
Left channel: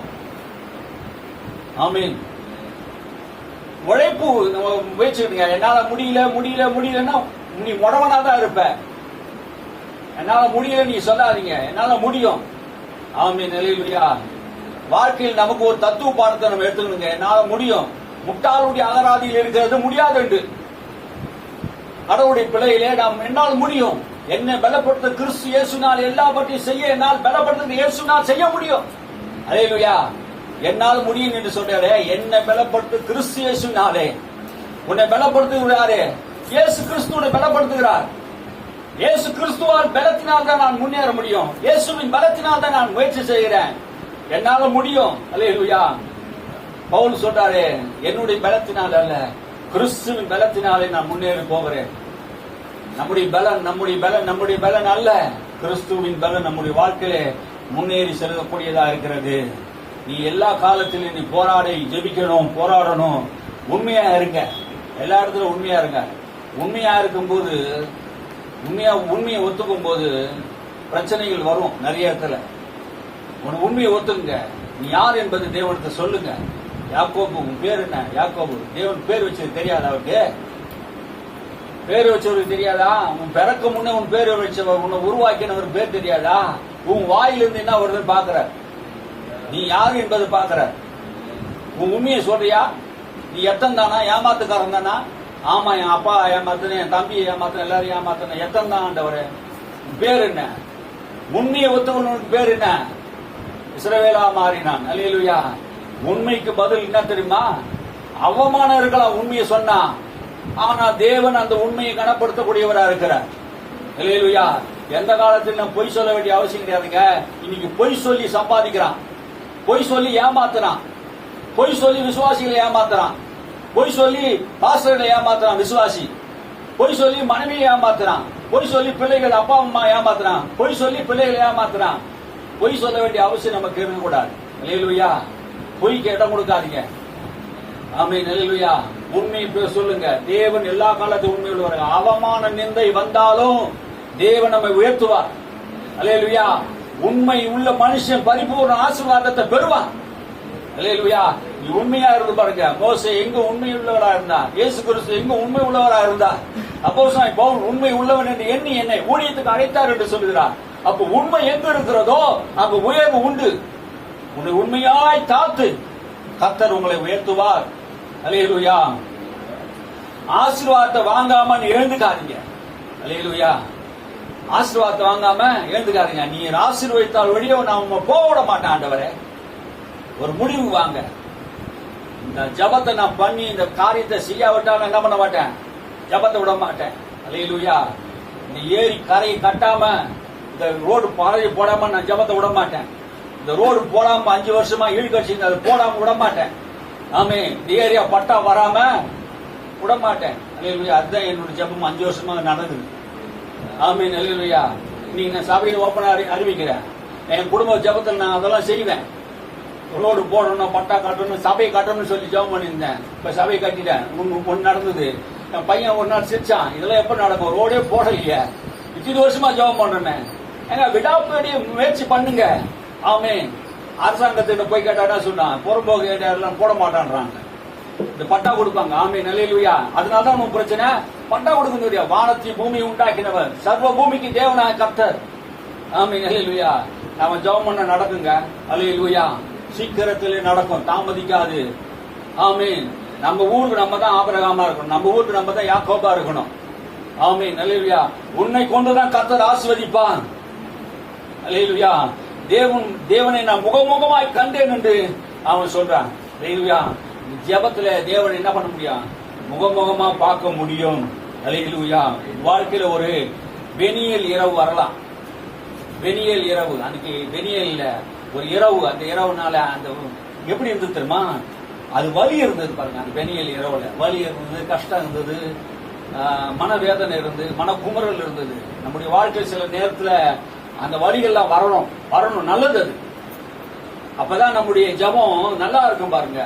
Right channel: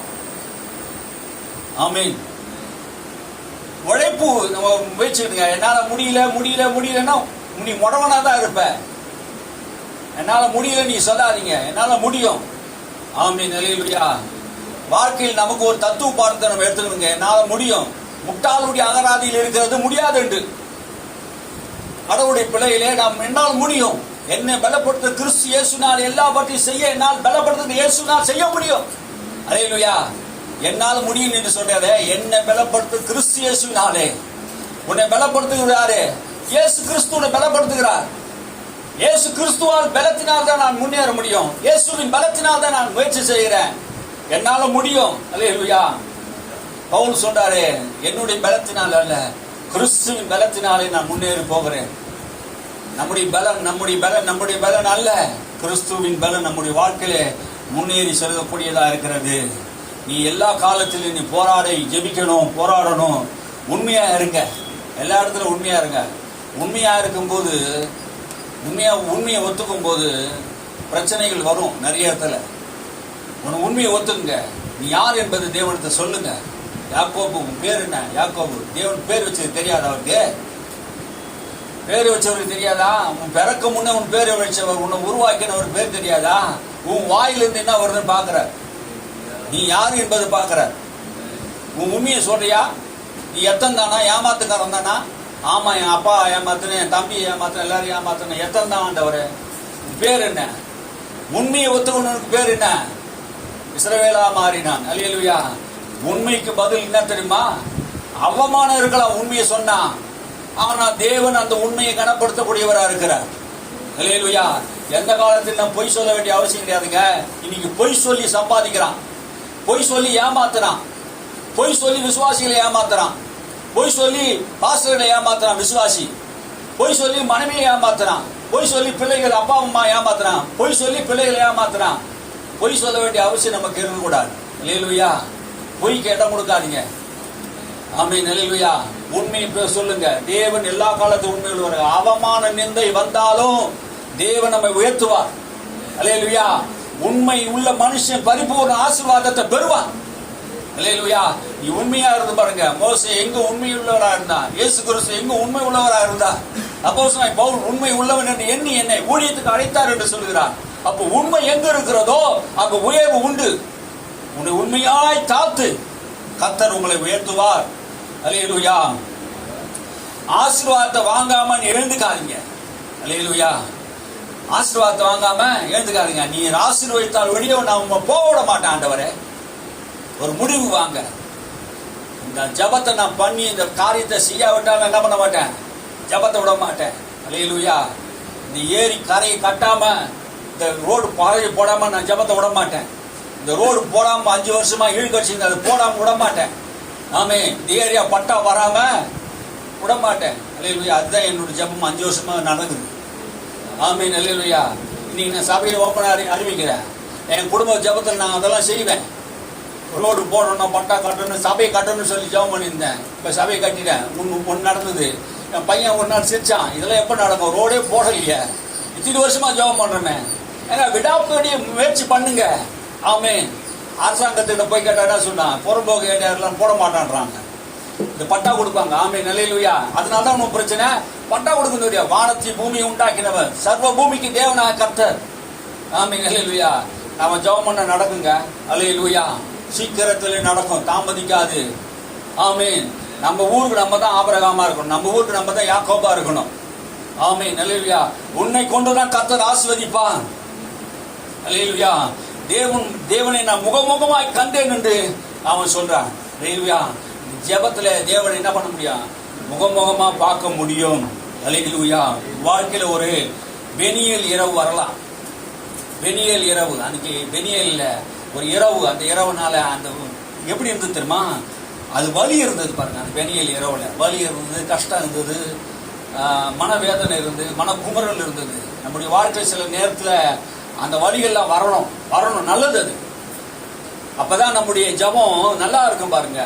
ஆமீன். உழைப்பு நம்ம முயற்சிடுங்க. என்னால முடியலன்னா நீ உடவனா தான் இருப்ப. என்னால முடியல நீ சொல்லாதீங்க, என்னால முடியும். ஆமீன். அல்லேலூயா. வாழ்க்கையில் நமக்கு ஒரு தத்துவ பாடத்தை நம்ம எடுத்துக்கணுங்க. என்னால முடியும். முட்டாளுடைய அகராதியில் இருக்கிறது முடியாது என்று. கடவுளுடைய பிள்ளையிலே நாம் என்னால் முடியும். என்னை பலப்படுத்த கிறிஸ்து இயேசுனால் எல்லாவற்றையும் செய்ய என்னால் பலப்படுத்த இயேசுனால் செய்ய முடியும். அல்லேலூயா. என்னால் முடியும் என்று சொல்றாரு. என்னை பலப்படுத்த கிறிஸ்து இயேசுனாலே. உன்னை பலப்படுத்துகிறாரே இயேசு கிறிஸ்துவை பலப்படுத்துகிறார். இயேசு கிறிஸ்துவால் பலத்தினால் தான் நான் முன்னேற முடியும். இயேசுவின் பலத்தினால் தான் நான் முயற்சி செய்கிறேன். என்னால முடியும். அல்லேலூயா. பவுல் சொல்றாரு, என்னுடைய பலத்தினால் அல்ல, கிறிஸ்துவின் பலத்தினாலே நான் முன்னேறி போகிறேன். நம்முடைய பலன் அல்ல, கிறிஸ்துவின் பலன் நம்முடைய வாழ்க்கையிலே முன்னேறி செல்லக்கூடியதா இருக்கிறது. நீ எல்லா காலத்திலும் நீ ஜெபிக்கணும், போராடணும். உண்மையா இருங்க. எல்லா இடத்துல உண்மையா இருங்க. உண்மையா இருக்கும்போது, உண்மையை ஒத்துக்கும் போது பிரச்சனைகள் வரும் நிறைய இடத்துல. உண்மையை ஒத்துக்குங்க. நீ யார் என்பது தேவனத்தை சொல்லுங்க. யாக்கோபு, உன் பேர் என்ன? யாக்கோபு. தேவன் பேர் வச்சது தெரியாதா? அவருக்கு பேர் வச்சவருக்கு தெரியாதா? உன் பிறக்க முன்ன உன் பேர் வச்சவர், உன்னை உருவாக்கினவர் பேர் தெரியாதா? உன் வாயிலிருந்து என்ன வருதுன்னு பாக்குற. நீ யாரு என்பது பாக்குற. உன் உண்மையை சொல்றியா? நீ எத்தன் தானா? ஏமாத்துக்காரன் தானா? ஆமா, என் அப்பா ஏமாத்துனேன், என் தம்பி ஏமாத்துனேன், எல்லாரும் ஏமாத்துனேன். எத்தன் தான் ஆண்டவரே? பேர் என்ன? உண்மையை ஒத்துக்கொண்டவனுக்கு பேர் என்ன? இஸ்ரவேலா மாறினான். அல்லேலூயா. உண்மைக்கு பதில் என்ன தெரியுமா? அவமானம் இருக்கலாம் உண்மையை சொன்னா, ஆனா தேவன் அந்த உண்மையை கனப்படுத்தக்கூடியவரா இருக்கிறார். அல்லேலூயா. எந்த காலத்தில் நம்ம பொய் சொல்ல வேண்டிய அவசியம் கிடையாதுங்க. இன்னைக்கு பொய் சொல்லி சம்பாதிக்கிறான், பொய் சொல்லி ஏமாத்துறான், பொய் சொல்லி விசுவாசிகளை ஏமாத்துறான், பொய் சொல்லி பாஸ்டர்களை ஏமாத்துறான் விசுவாசி, பொய் சொல்லி மனைவியை ஏமாத்துறான், பொய் சொல்லி பிள்ளைகள் அப்பா அம்மா ஏமாத்துறான், பொய் சொல்லி பிள்ளைகளை ஏமாத்துறான். பொய் சொல்ல வேண்டிய அவசியம் நமக்கு இருக்கக்கூடாது. அல்லேலூயா. பொய்க்கு இடம் கொடுக்காதீங்க. ஆமென். அல்லேலூயா. உண்மையை சொல்லுங்க. தேவன் எல்லா காலத்தும் உண்மை உள்ளவர். அவமான நிந்தை வந்தாலும் தேவன் நம்மை உயர்த்துவார். அல்லேலூயா. உண்மை உள்ள மனுஷன் பரிபூர்ண ஆசீர்வாதத்தை பெறுவான். அல்லேலூயா. நீ உண்மையா இருந்து பாருங்க. மோசே எங்க உண்மை உள்ளவரா இருந்தா, இயேசு கிறிஸ்து எங்க உண்மை உள்ளவரா இருந்தா, அப்போஸ்தலன் பவுல் உண்மை உள்ளவன் என்று எண்ணி என்னை ஊழியத்துக்கு அழைத்தார் என்று சொல்கிறார். அப்போ உண்மை எங்க இருக்கிறதோ அங்கு உயர்வு உண்டு. உன்னை உண்மையாய் காத்து கர்த்தர் உங்களை உயர்த்துவார். அல்லேலூயா. ஆசீர்வாதத்தை வாங்காம இழந்துக்காதீங்க. அல்லேலூயா. ஆசீர்வாதத்தை வாங்காம இழந்துக்காதீங்க. நீ ஆசீர்வதித்தால் வெளியே நான் உங்க போக விட மாட்டேன் ஆண்டவரே. ஒரு முடிவு வாங்க. இந்த ஜபத்தை நான் பண்ணி இந்த காரியத்தை செய்யாவிட்டால் என்ன பண்ண மாட்டேன்? ஜபத்தை விட மாட்டேன். அல்லேலூயா. இந்த ஏரி கரையை கட்டாம, இந்த ரோடு பழைய போடாம நான் ஜபத்தை விட மாட்டேன். இந்த ரோடு போடாம 5 வருஷமா ஈழ்கட்சி அது போடாம விட மாட்டேன். ஆமே. இந்த ஏரியா பட்டா வராம விட மாட்டேன். அல்லேலூயா. அதுதான் என்னோட ஜபம் 5 வருஷமா நடக்குது. ஆமே. அல்லேலூயா. இன்னைக்கு நான் சபையில் ஓப்பனா அறிவிக்கிறேன். என் குடும்ப ஜபத்தில் நான் அதெல்லாம் செய்வேன். ரோடு போடணும், பட்டா கட்டணும், சபையை கட்டணும்னு சொல்லி ஜெபம் பண்ணியிருந்தேன். இப்ப சபையை கட்டிட்டேன். ஒன்னு நடந்தது. என் பையன் ஒரு நாள் சிரிச்சான், இதெல்லாம் எப்ப நடக்கும்? ரோடே போடலையே, இத்தனை வருஷமா ஜெபம் பண்றேன். ஏங்க விடாப்படி முயற்சி பண்ணுங்க. ஆமென். அரசாங்கத்திட்ட போய் கேட்டா சொன்னான் புறம்போக்கு எல்லாம் போட மாட்டான்றாங்க. இந்த பட்டா கொடுப்பாங்க. ஆமென். அல்லேலூயா. அதனாலதான் ஒன்றும் பிரச்சனை. பட்டா கொடுக்க வானத்தை பூமி உண்டாக்கினவர் சர்வ பூமிக்கு தேவனாக கர்த்தர். ஆமென். அல்லேலூயா. நம்ம ஜெபம் பண்ண நடக்குங்க. அல்லேலூயா. சீக்கிரத்திலே நடக்கும், தாமதிக்காது. ஆமென். நம்ம ஊருக்கு நம்ம தான் ஆபிரகாமா இருக்கணும். நம்ம ஊருக்கு நம்ம தான் யாக்கோபா இருக்கணும். ஆமென். அல்லேலூயா. உன்னை கொண்டுதான் கர்த்தர் ஆசீர்வதிப்பான். அல்லேலூயா. தேவனை நான் முகமுகமாய் கண்டேன் என்று அவன் சொல்றான். அல்லேலூயா. ஜெபத்துல தேவனை என்ன பண்ண முடியும்? முகமுகமா பார்க்க முடியும். அல்லேலூயா. வாழ்க்கையில ஒரு பெனியல் இரவு வரலாம். பெனியல் இரவு, அன்னைக்கு பெனியல்ல ஒரு இரவு, அந்த இரவுனால அந்த எப்படி இருந்தது தெரியுமா? அது வலி இருந்தது பாருங்க. அந்த பெனியல் இரவுல வலி இருந்தது, கஷ்டம் இருந்தது, மனவேதனை இருந்தது, மனக்குமுறல் இருந்தது. நம்முடைய வாழ்க்கை சில நேரத்துல அந்த வலிகள்லாம் வரணும், நல்லது. அது அப்பதான் நம்முடைய ஜபம் நல்லா இருக்கும் பாருங்க.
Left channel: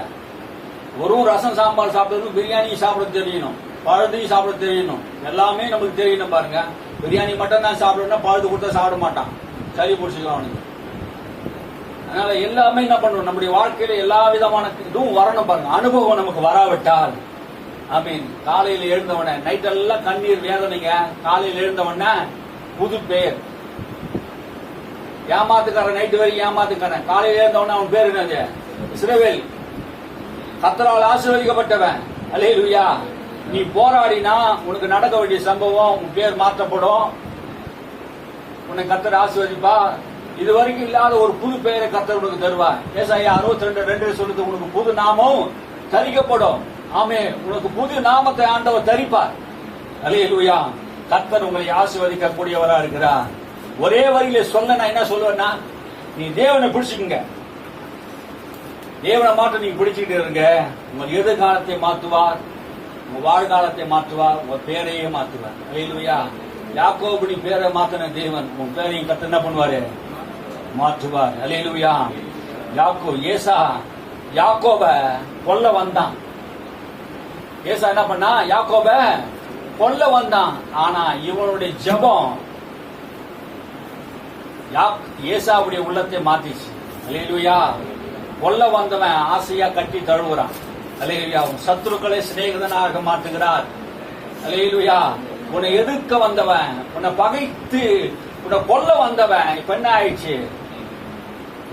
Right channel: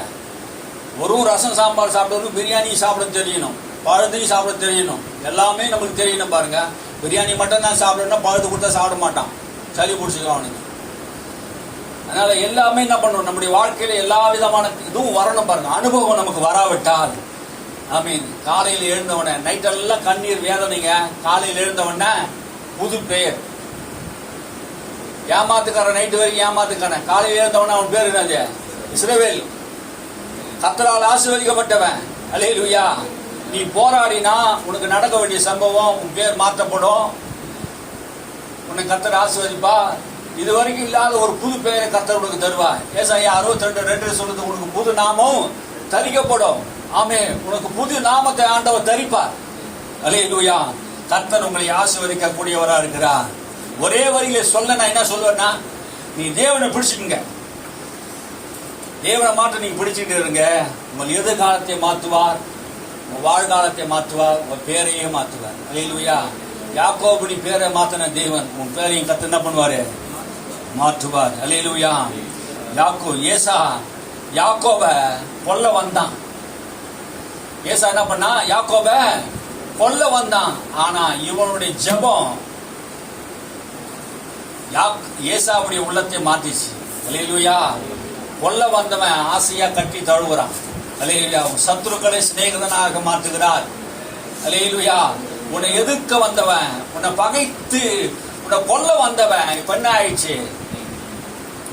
ஒரு ரசம் சாம்பார் சாப்பிடணும், பிரியாணி சாப்பிட தெரியணும், பழுதையும் சாப்பிட தெரியணும், எல்லாமே நமக்கு தெரியணும் பாருங்க. பிரியாணி மட்டும் தான் சாப்பிடணும், பழுது கொடுத்தா சாப்பிட மாட்டான், சளி பிடிச்சிக்கலாம் அவனுக்கு. அதனால எல்லாமே என்ன பண்ணணும், நம்முடைய வாழ்க்கையில எல்லா விதமான இதுவும் வரணும் பாருங்க. அனுபவம் நமக்கு வராவிட்டால், ஐ மீன் காலையில் எழுந்தவன நைட்டெல்லாம் கண்ணீர் வேதனைங்க. காலையில் எழுந்தவன புது பெயர். ஏமாத்துக்காரன் நைட்டு வரைக்கும் ஏமாத்துக்கான, காலையில் எழுந்தவன அவன் பேர் என்னது? இஸ்ரவேல். கர்த்தரால் ஆசீர்வதிக்கப்பட்டவன். அல்லேலூயா. நீ போராடினா உனக்கு நடக்க வேண்டிய சம்பவம், உன் பேர் மாற்றப்படும், உன்னை கர்த்தர் ஆசீர்வதிப்பா. இது வரைக்கும் இல்லாத ஒரு புது பெயரை கர்த்தர் உனக்கு தருவா. ஏசாயா 62:2 சொல்லுது, உனக்கு புது நாமம் தரிக்கப்படும். ஆமே, உனக்கு புது நாமத்தை ஆண்டவர் தரிப்பார். அல்லேலூயா. கர்த்தர் உங்களை ஆசீர்வதிக்க கூடியவரா இருக்கிறார். ஒரே வரியில சொல்ல நான் என்ன சொல்வேன்னா, நீ தேவனை பிடிச்சுக்குங்க. தேவனை மாற்ற நீங்க பிடிச்சிட்டு இருங்க. உங்கள் எதிர்காலத்தை மாற்றுவார், உங்க வாழ்காலத்தை மாற்றுவார், உங்க பேரையே மாற்றுவார். அல்லேலூயா. யாக்கோபு நீ பேரை மாத்தின தேவன் உன் பேரையும் கர்த்தர் என்ன பண்ணுவாரு? மாற்றுவார். அல்லேலூயா. யாக்கோப கொல்ல வந்தான். ஏசா என்ன பண்ணா? யாக்கோப கொல்ல வந்தான். ஆனா இவனுடைய ஜெபம் ஏசாவுடைய உள்ளத்தை மாத்திச்சு. அல்லேலூயா. கொல்ல வந்தவன் ஆசையா கட்டி தழுவுறான். அல்லேலூயா. சத்துருக்களை சிநேகிதனாக மாற்றுகிறார். அல்லேலூயா. உன்னை எதிர்க்க வந்தவன், உன்னை பகைத்து உன்னை கொல்ல வந்தவன் இப்ப என்ன ஆயிடுச்சு?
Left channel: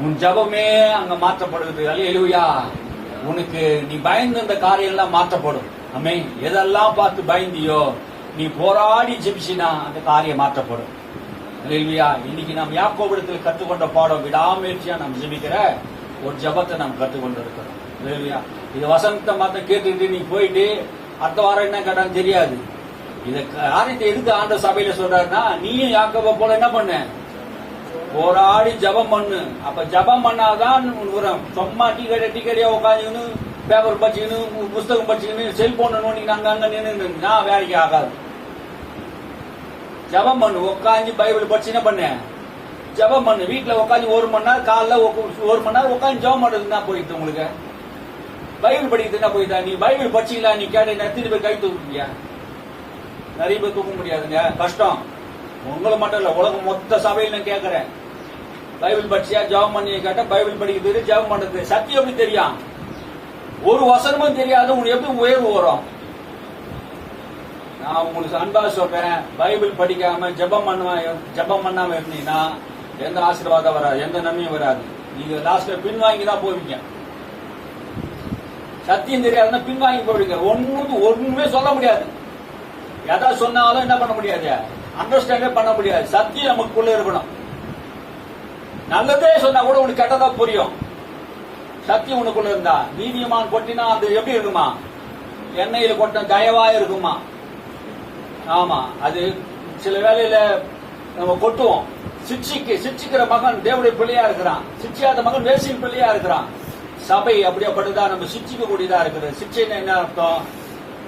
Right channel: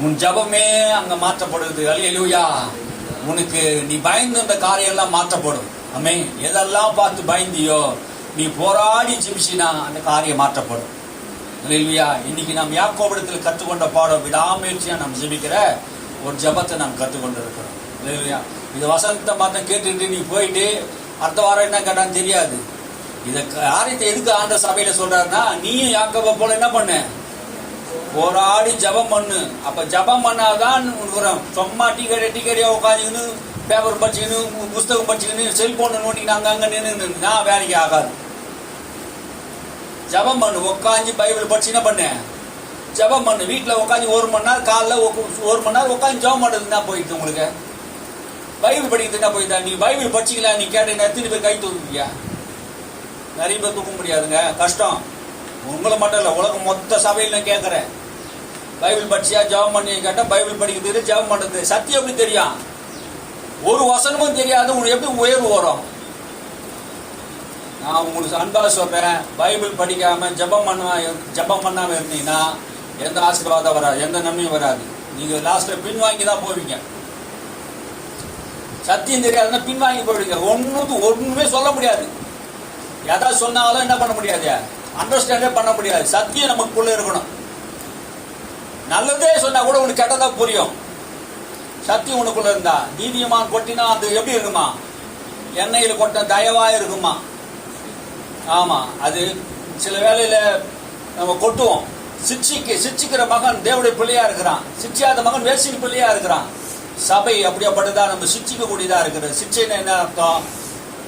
உன் ஜபமே அங்க மாற்றப்படுது. அல்லேலூயா. உனக்கு நீ பயந்து இந்த காரியம் எல்லாம் மாற்றப்படும். ஆமே, எதெல்லாம் பார்த்து பயந்தியோ நீ போராடி ஜெபிச்சினா அந்த காரியம் மாற்றப்படும். அல்லேலூயா. இன்னைக்கு நாம் யாக்கோபிடத்தில் கற்றுக்கொண்ட பாடம், விடாமுயற்சியா நாம் ஜெபிக்கிற ஒரு ஜபத்தை நாம் கற்றுக்கொண்டு இருக்கிறோம். அல்லேலூயா. இது வசனத்தை மாத்த கேட்டுட்டு நீ போயிட்டு அடுத்த வாரம் என்ன கேட்டான்னு தெரியாது. இத காரியத்தை எதுக்கு ஆண்ட சபையில சொல்றாருன்னா, நீயும் யாக்கோபை போல என்ன பண்ண? போராடி ஜபம் பண்ணு. அப்ப ஜபம் பண்ணாதான் சும்மா டிக்கெட்டியா உட்காந்துன்னு பேப்பர் படிச்சுக்கணும், புஸ்தகம் படிச்சுக்கணும், செல்போன் நோண்டிக்கிட்டு அங்க நின்று வேலைக்கு ஆகாது. ஜபம் பண்ணு. உட்காந்து பைபிள் படிச்சு என்ன பண்ண? ஜபம் பண்ணு. வீட்டுல உட்காந்து 1 மணி நேரம், காலைல 1 மணி நேரம் உட்காந்து ஜபம் பண்றது என்ன போயிட்டு உங்களுக்கு? பைபிள் படிக்கிறது என்ன போயிட்டா? நீ பைபிள் படிச்சிக்கலாம், நீ கேட்ட எத்தனை பேர் கை தூக்குவீங்க? நிறைய பேர் தூக்க முடியாதுங்க, கஷ்டம். உங்களை மட்டும் இல்ல, உலகம் மொத்த சபையில் நான் கேட்கறேன். பைபிள் படிச்சியா ஜெபம் பண்ணி கேட்டா பைபிள் படிக்கிறது, ஜெபம் பண்றது. சத்தியம் எப்படி தெரியும்? ஒரு வசனமும் தெரியாது, உனக்கு எப்படி உயர்வு வரும்? நான் உங்களுக்கு அன்பா சொல்றேன், பைபிள் படிக்காம ஜெபம் பண்ணாம இருந்தீங்கன்னா எந்த ஆசீர்வாதம் வராது, எந்த நன்மையும் வராது. நீங்க லாஸ்ட்ல பின்வாங்கி தான் போவீங்க. சத்தியம் தெரியாதுன்னா பின்வாங்கி போவீங்க. ஒண்ணுமே சொல்ல முடியாது. எதா சொன்னாலும் என்ன பண்ண முடியாது? அண்டர்ஸ்டாண்டே பண்ண முடியாது. சத்தியம் நமக்குள்ள இருக்கணும். நல்லதே சொன்னா கூட உனக்கு கெட்டதா புரியும். சத்தியம் உனக்குள்ள இருந்தா, நீதியமான் கொட்டினா அது எப்படி இருக்குமா? எண்ணெயில் கொட்ட தயவா இருக்குமா? ஆமா, அது சில வேளையில நம்ம கொட்டுவோம். சிச்சிக்கிற மகன் தேவனுடைய பிள்ளையா இருக்கிறான், சிச்சியாத மகன் வேசின் பிள்ளையா இருக்கிறான். சபை அப்படியாப்பட்டதா நம்ம சிச்சிக்க கூடியதா இருக்குது. சிச்சைன்னா என்ன அர்த்தம்?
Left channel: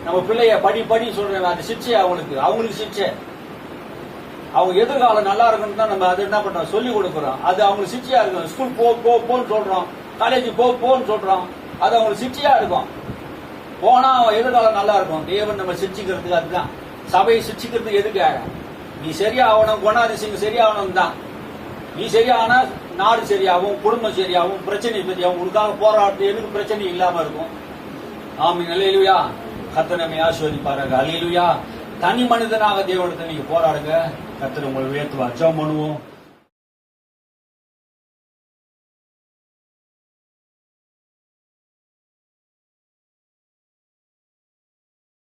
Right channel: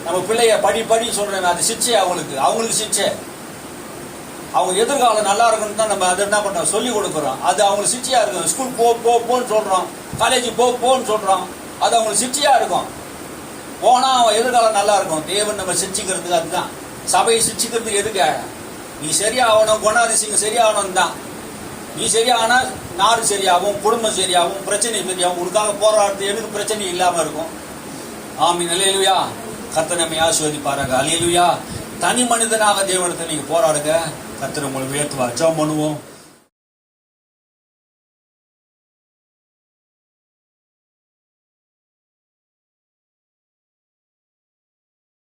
நம்ம பிள்ளைய படி சொல்றேன், அது சிச்சை. அவங்களுக்கு சிச்சை. அவங்க எதிர்காலம் நல்லா இருக்குன்னு தான் நம்ம அதை என்ன பண்றோம்? சொல்லி கொடுக்குறோம். அது அவங்களுக்கு சிச்சையா இருக்கும். ஸ்கூல் போன்னு சொல்றோம், காலேஜ் போன்னு சொல்றோம், அது அவங்களுக்கு சிச்சையா இருக்கும். போனா அவன் எதிர்காலம் நல்லா இருக்கும். தேவன் நம்ம சிச்சிக்கிறதுக்கு அதுதான். சபையை சிச்சிக்கிறதுக்கு எதுக்கு? நீ சரியாகணும், குணாதிசயம் சரியாகணும் தான். நீ சரியானா நாடு சரியாகும், குடும்பம் சரியாகும், பிரச்சனை சரியாகும். உனக்காக போராடுறது எனக்கு பிரச்சனை இல்லாம இருக்கும். ஆமீன். அல்லேலூயா. கர்த்தர் நம்மை ஆசீர்வதிப்பாராக. அல்லேலூயா. தனி மனிதனாக தேவனிடத்தில் நீங்க போராடுங்க. கர்த்தர் உங்களை உயர்த்துவார். ஜெபம் பண்ணுவோம்.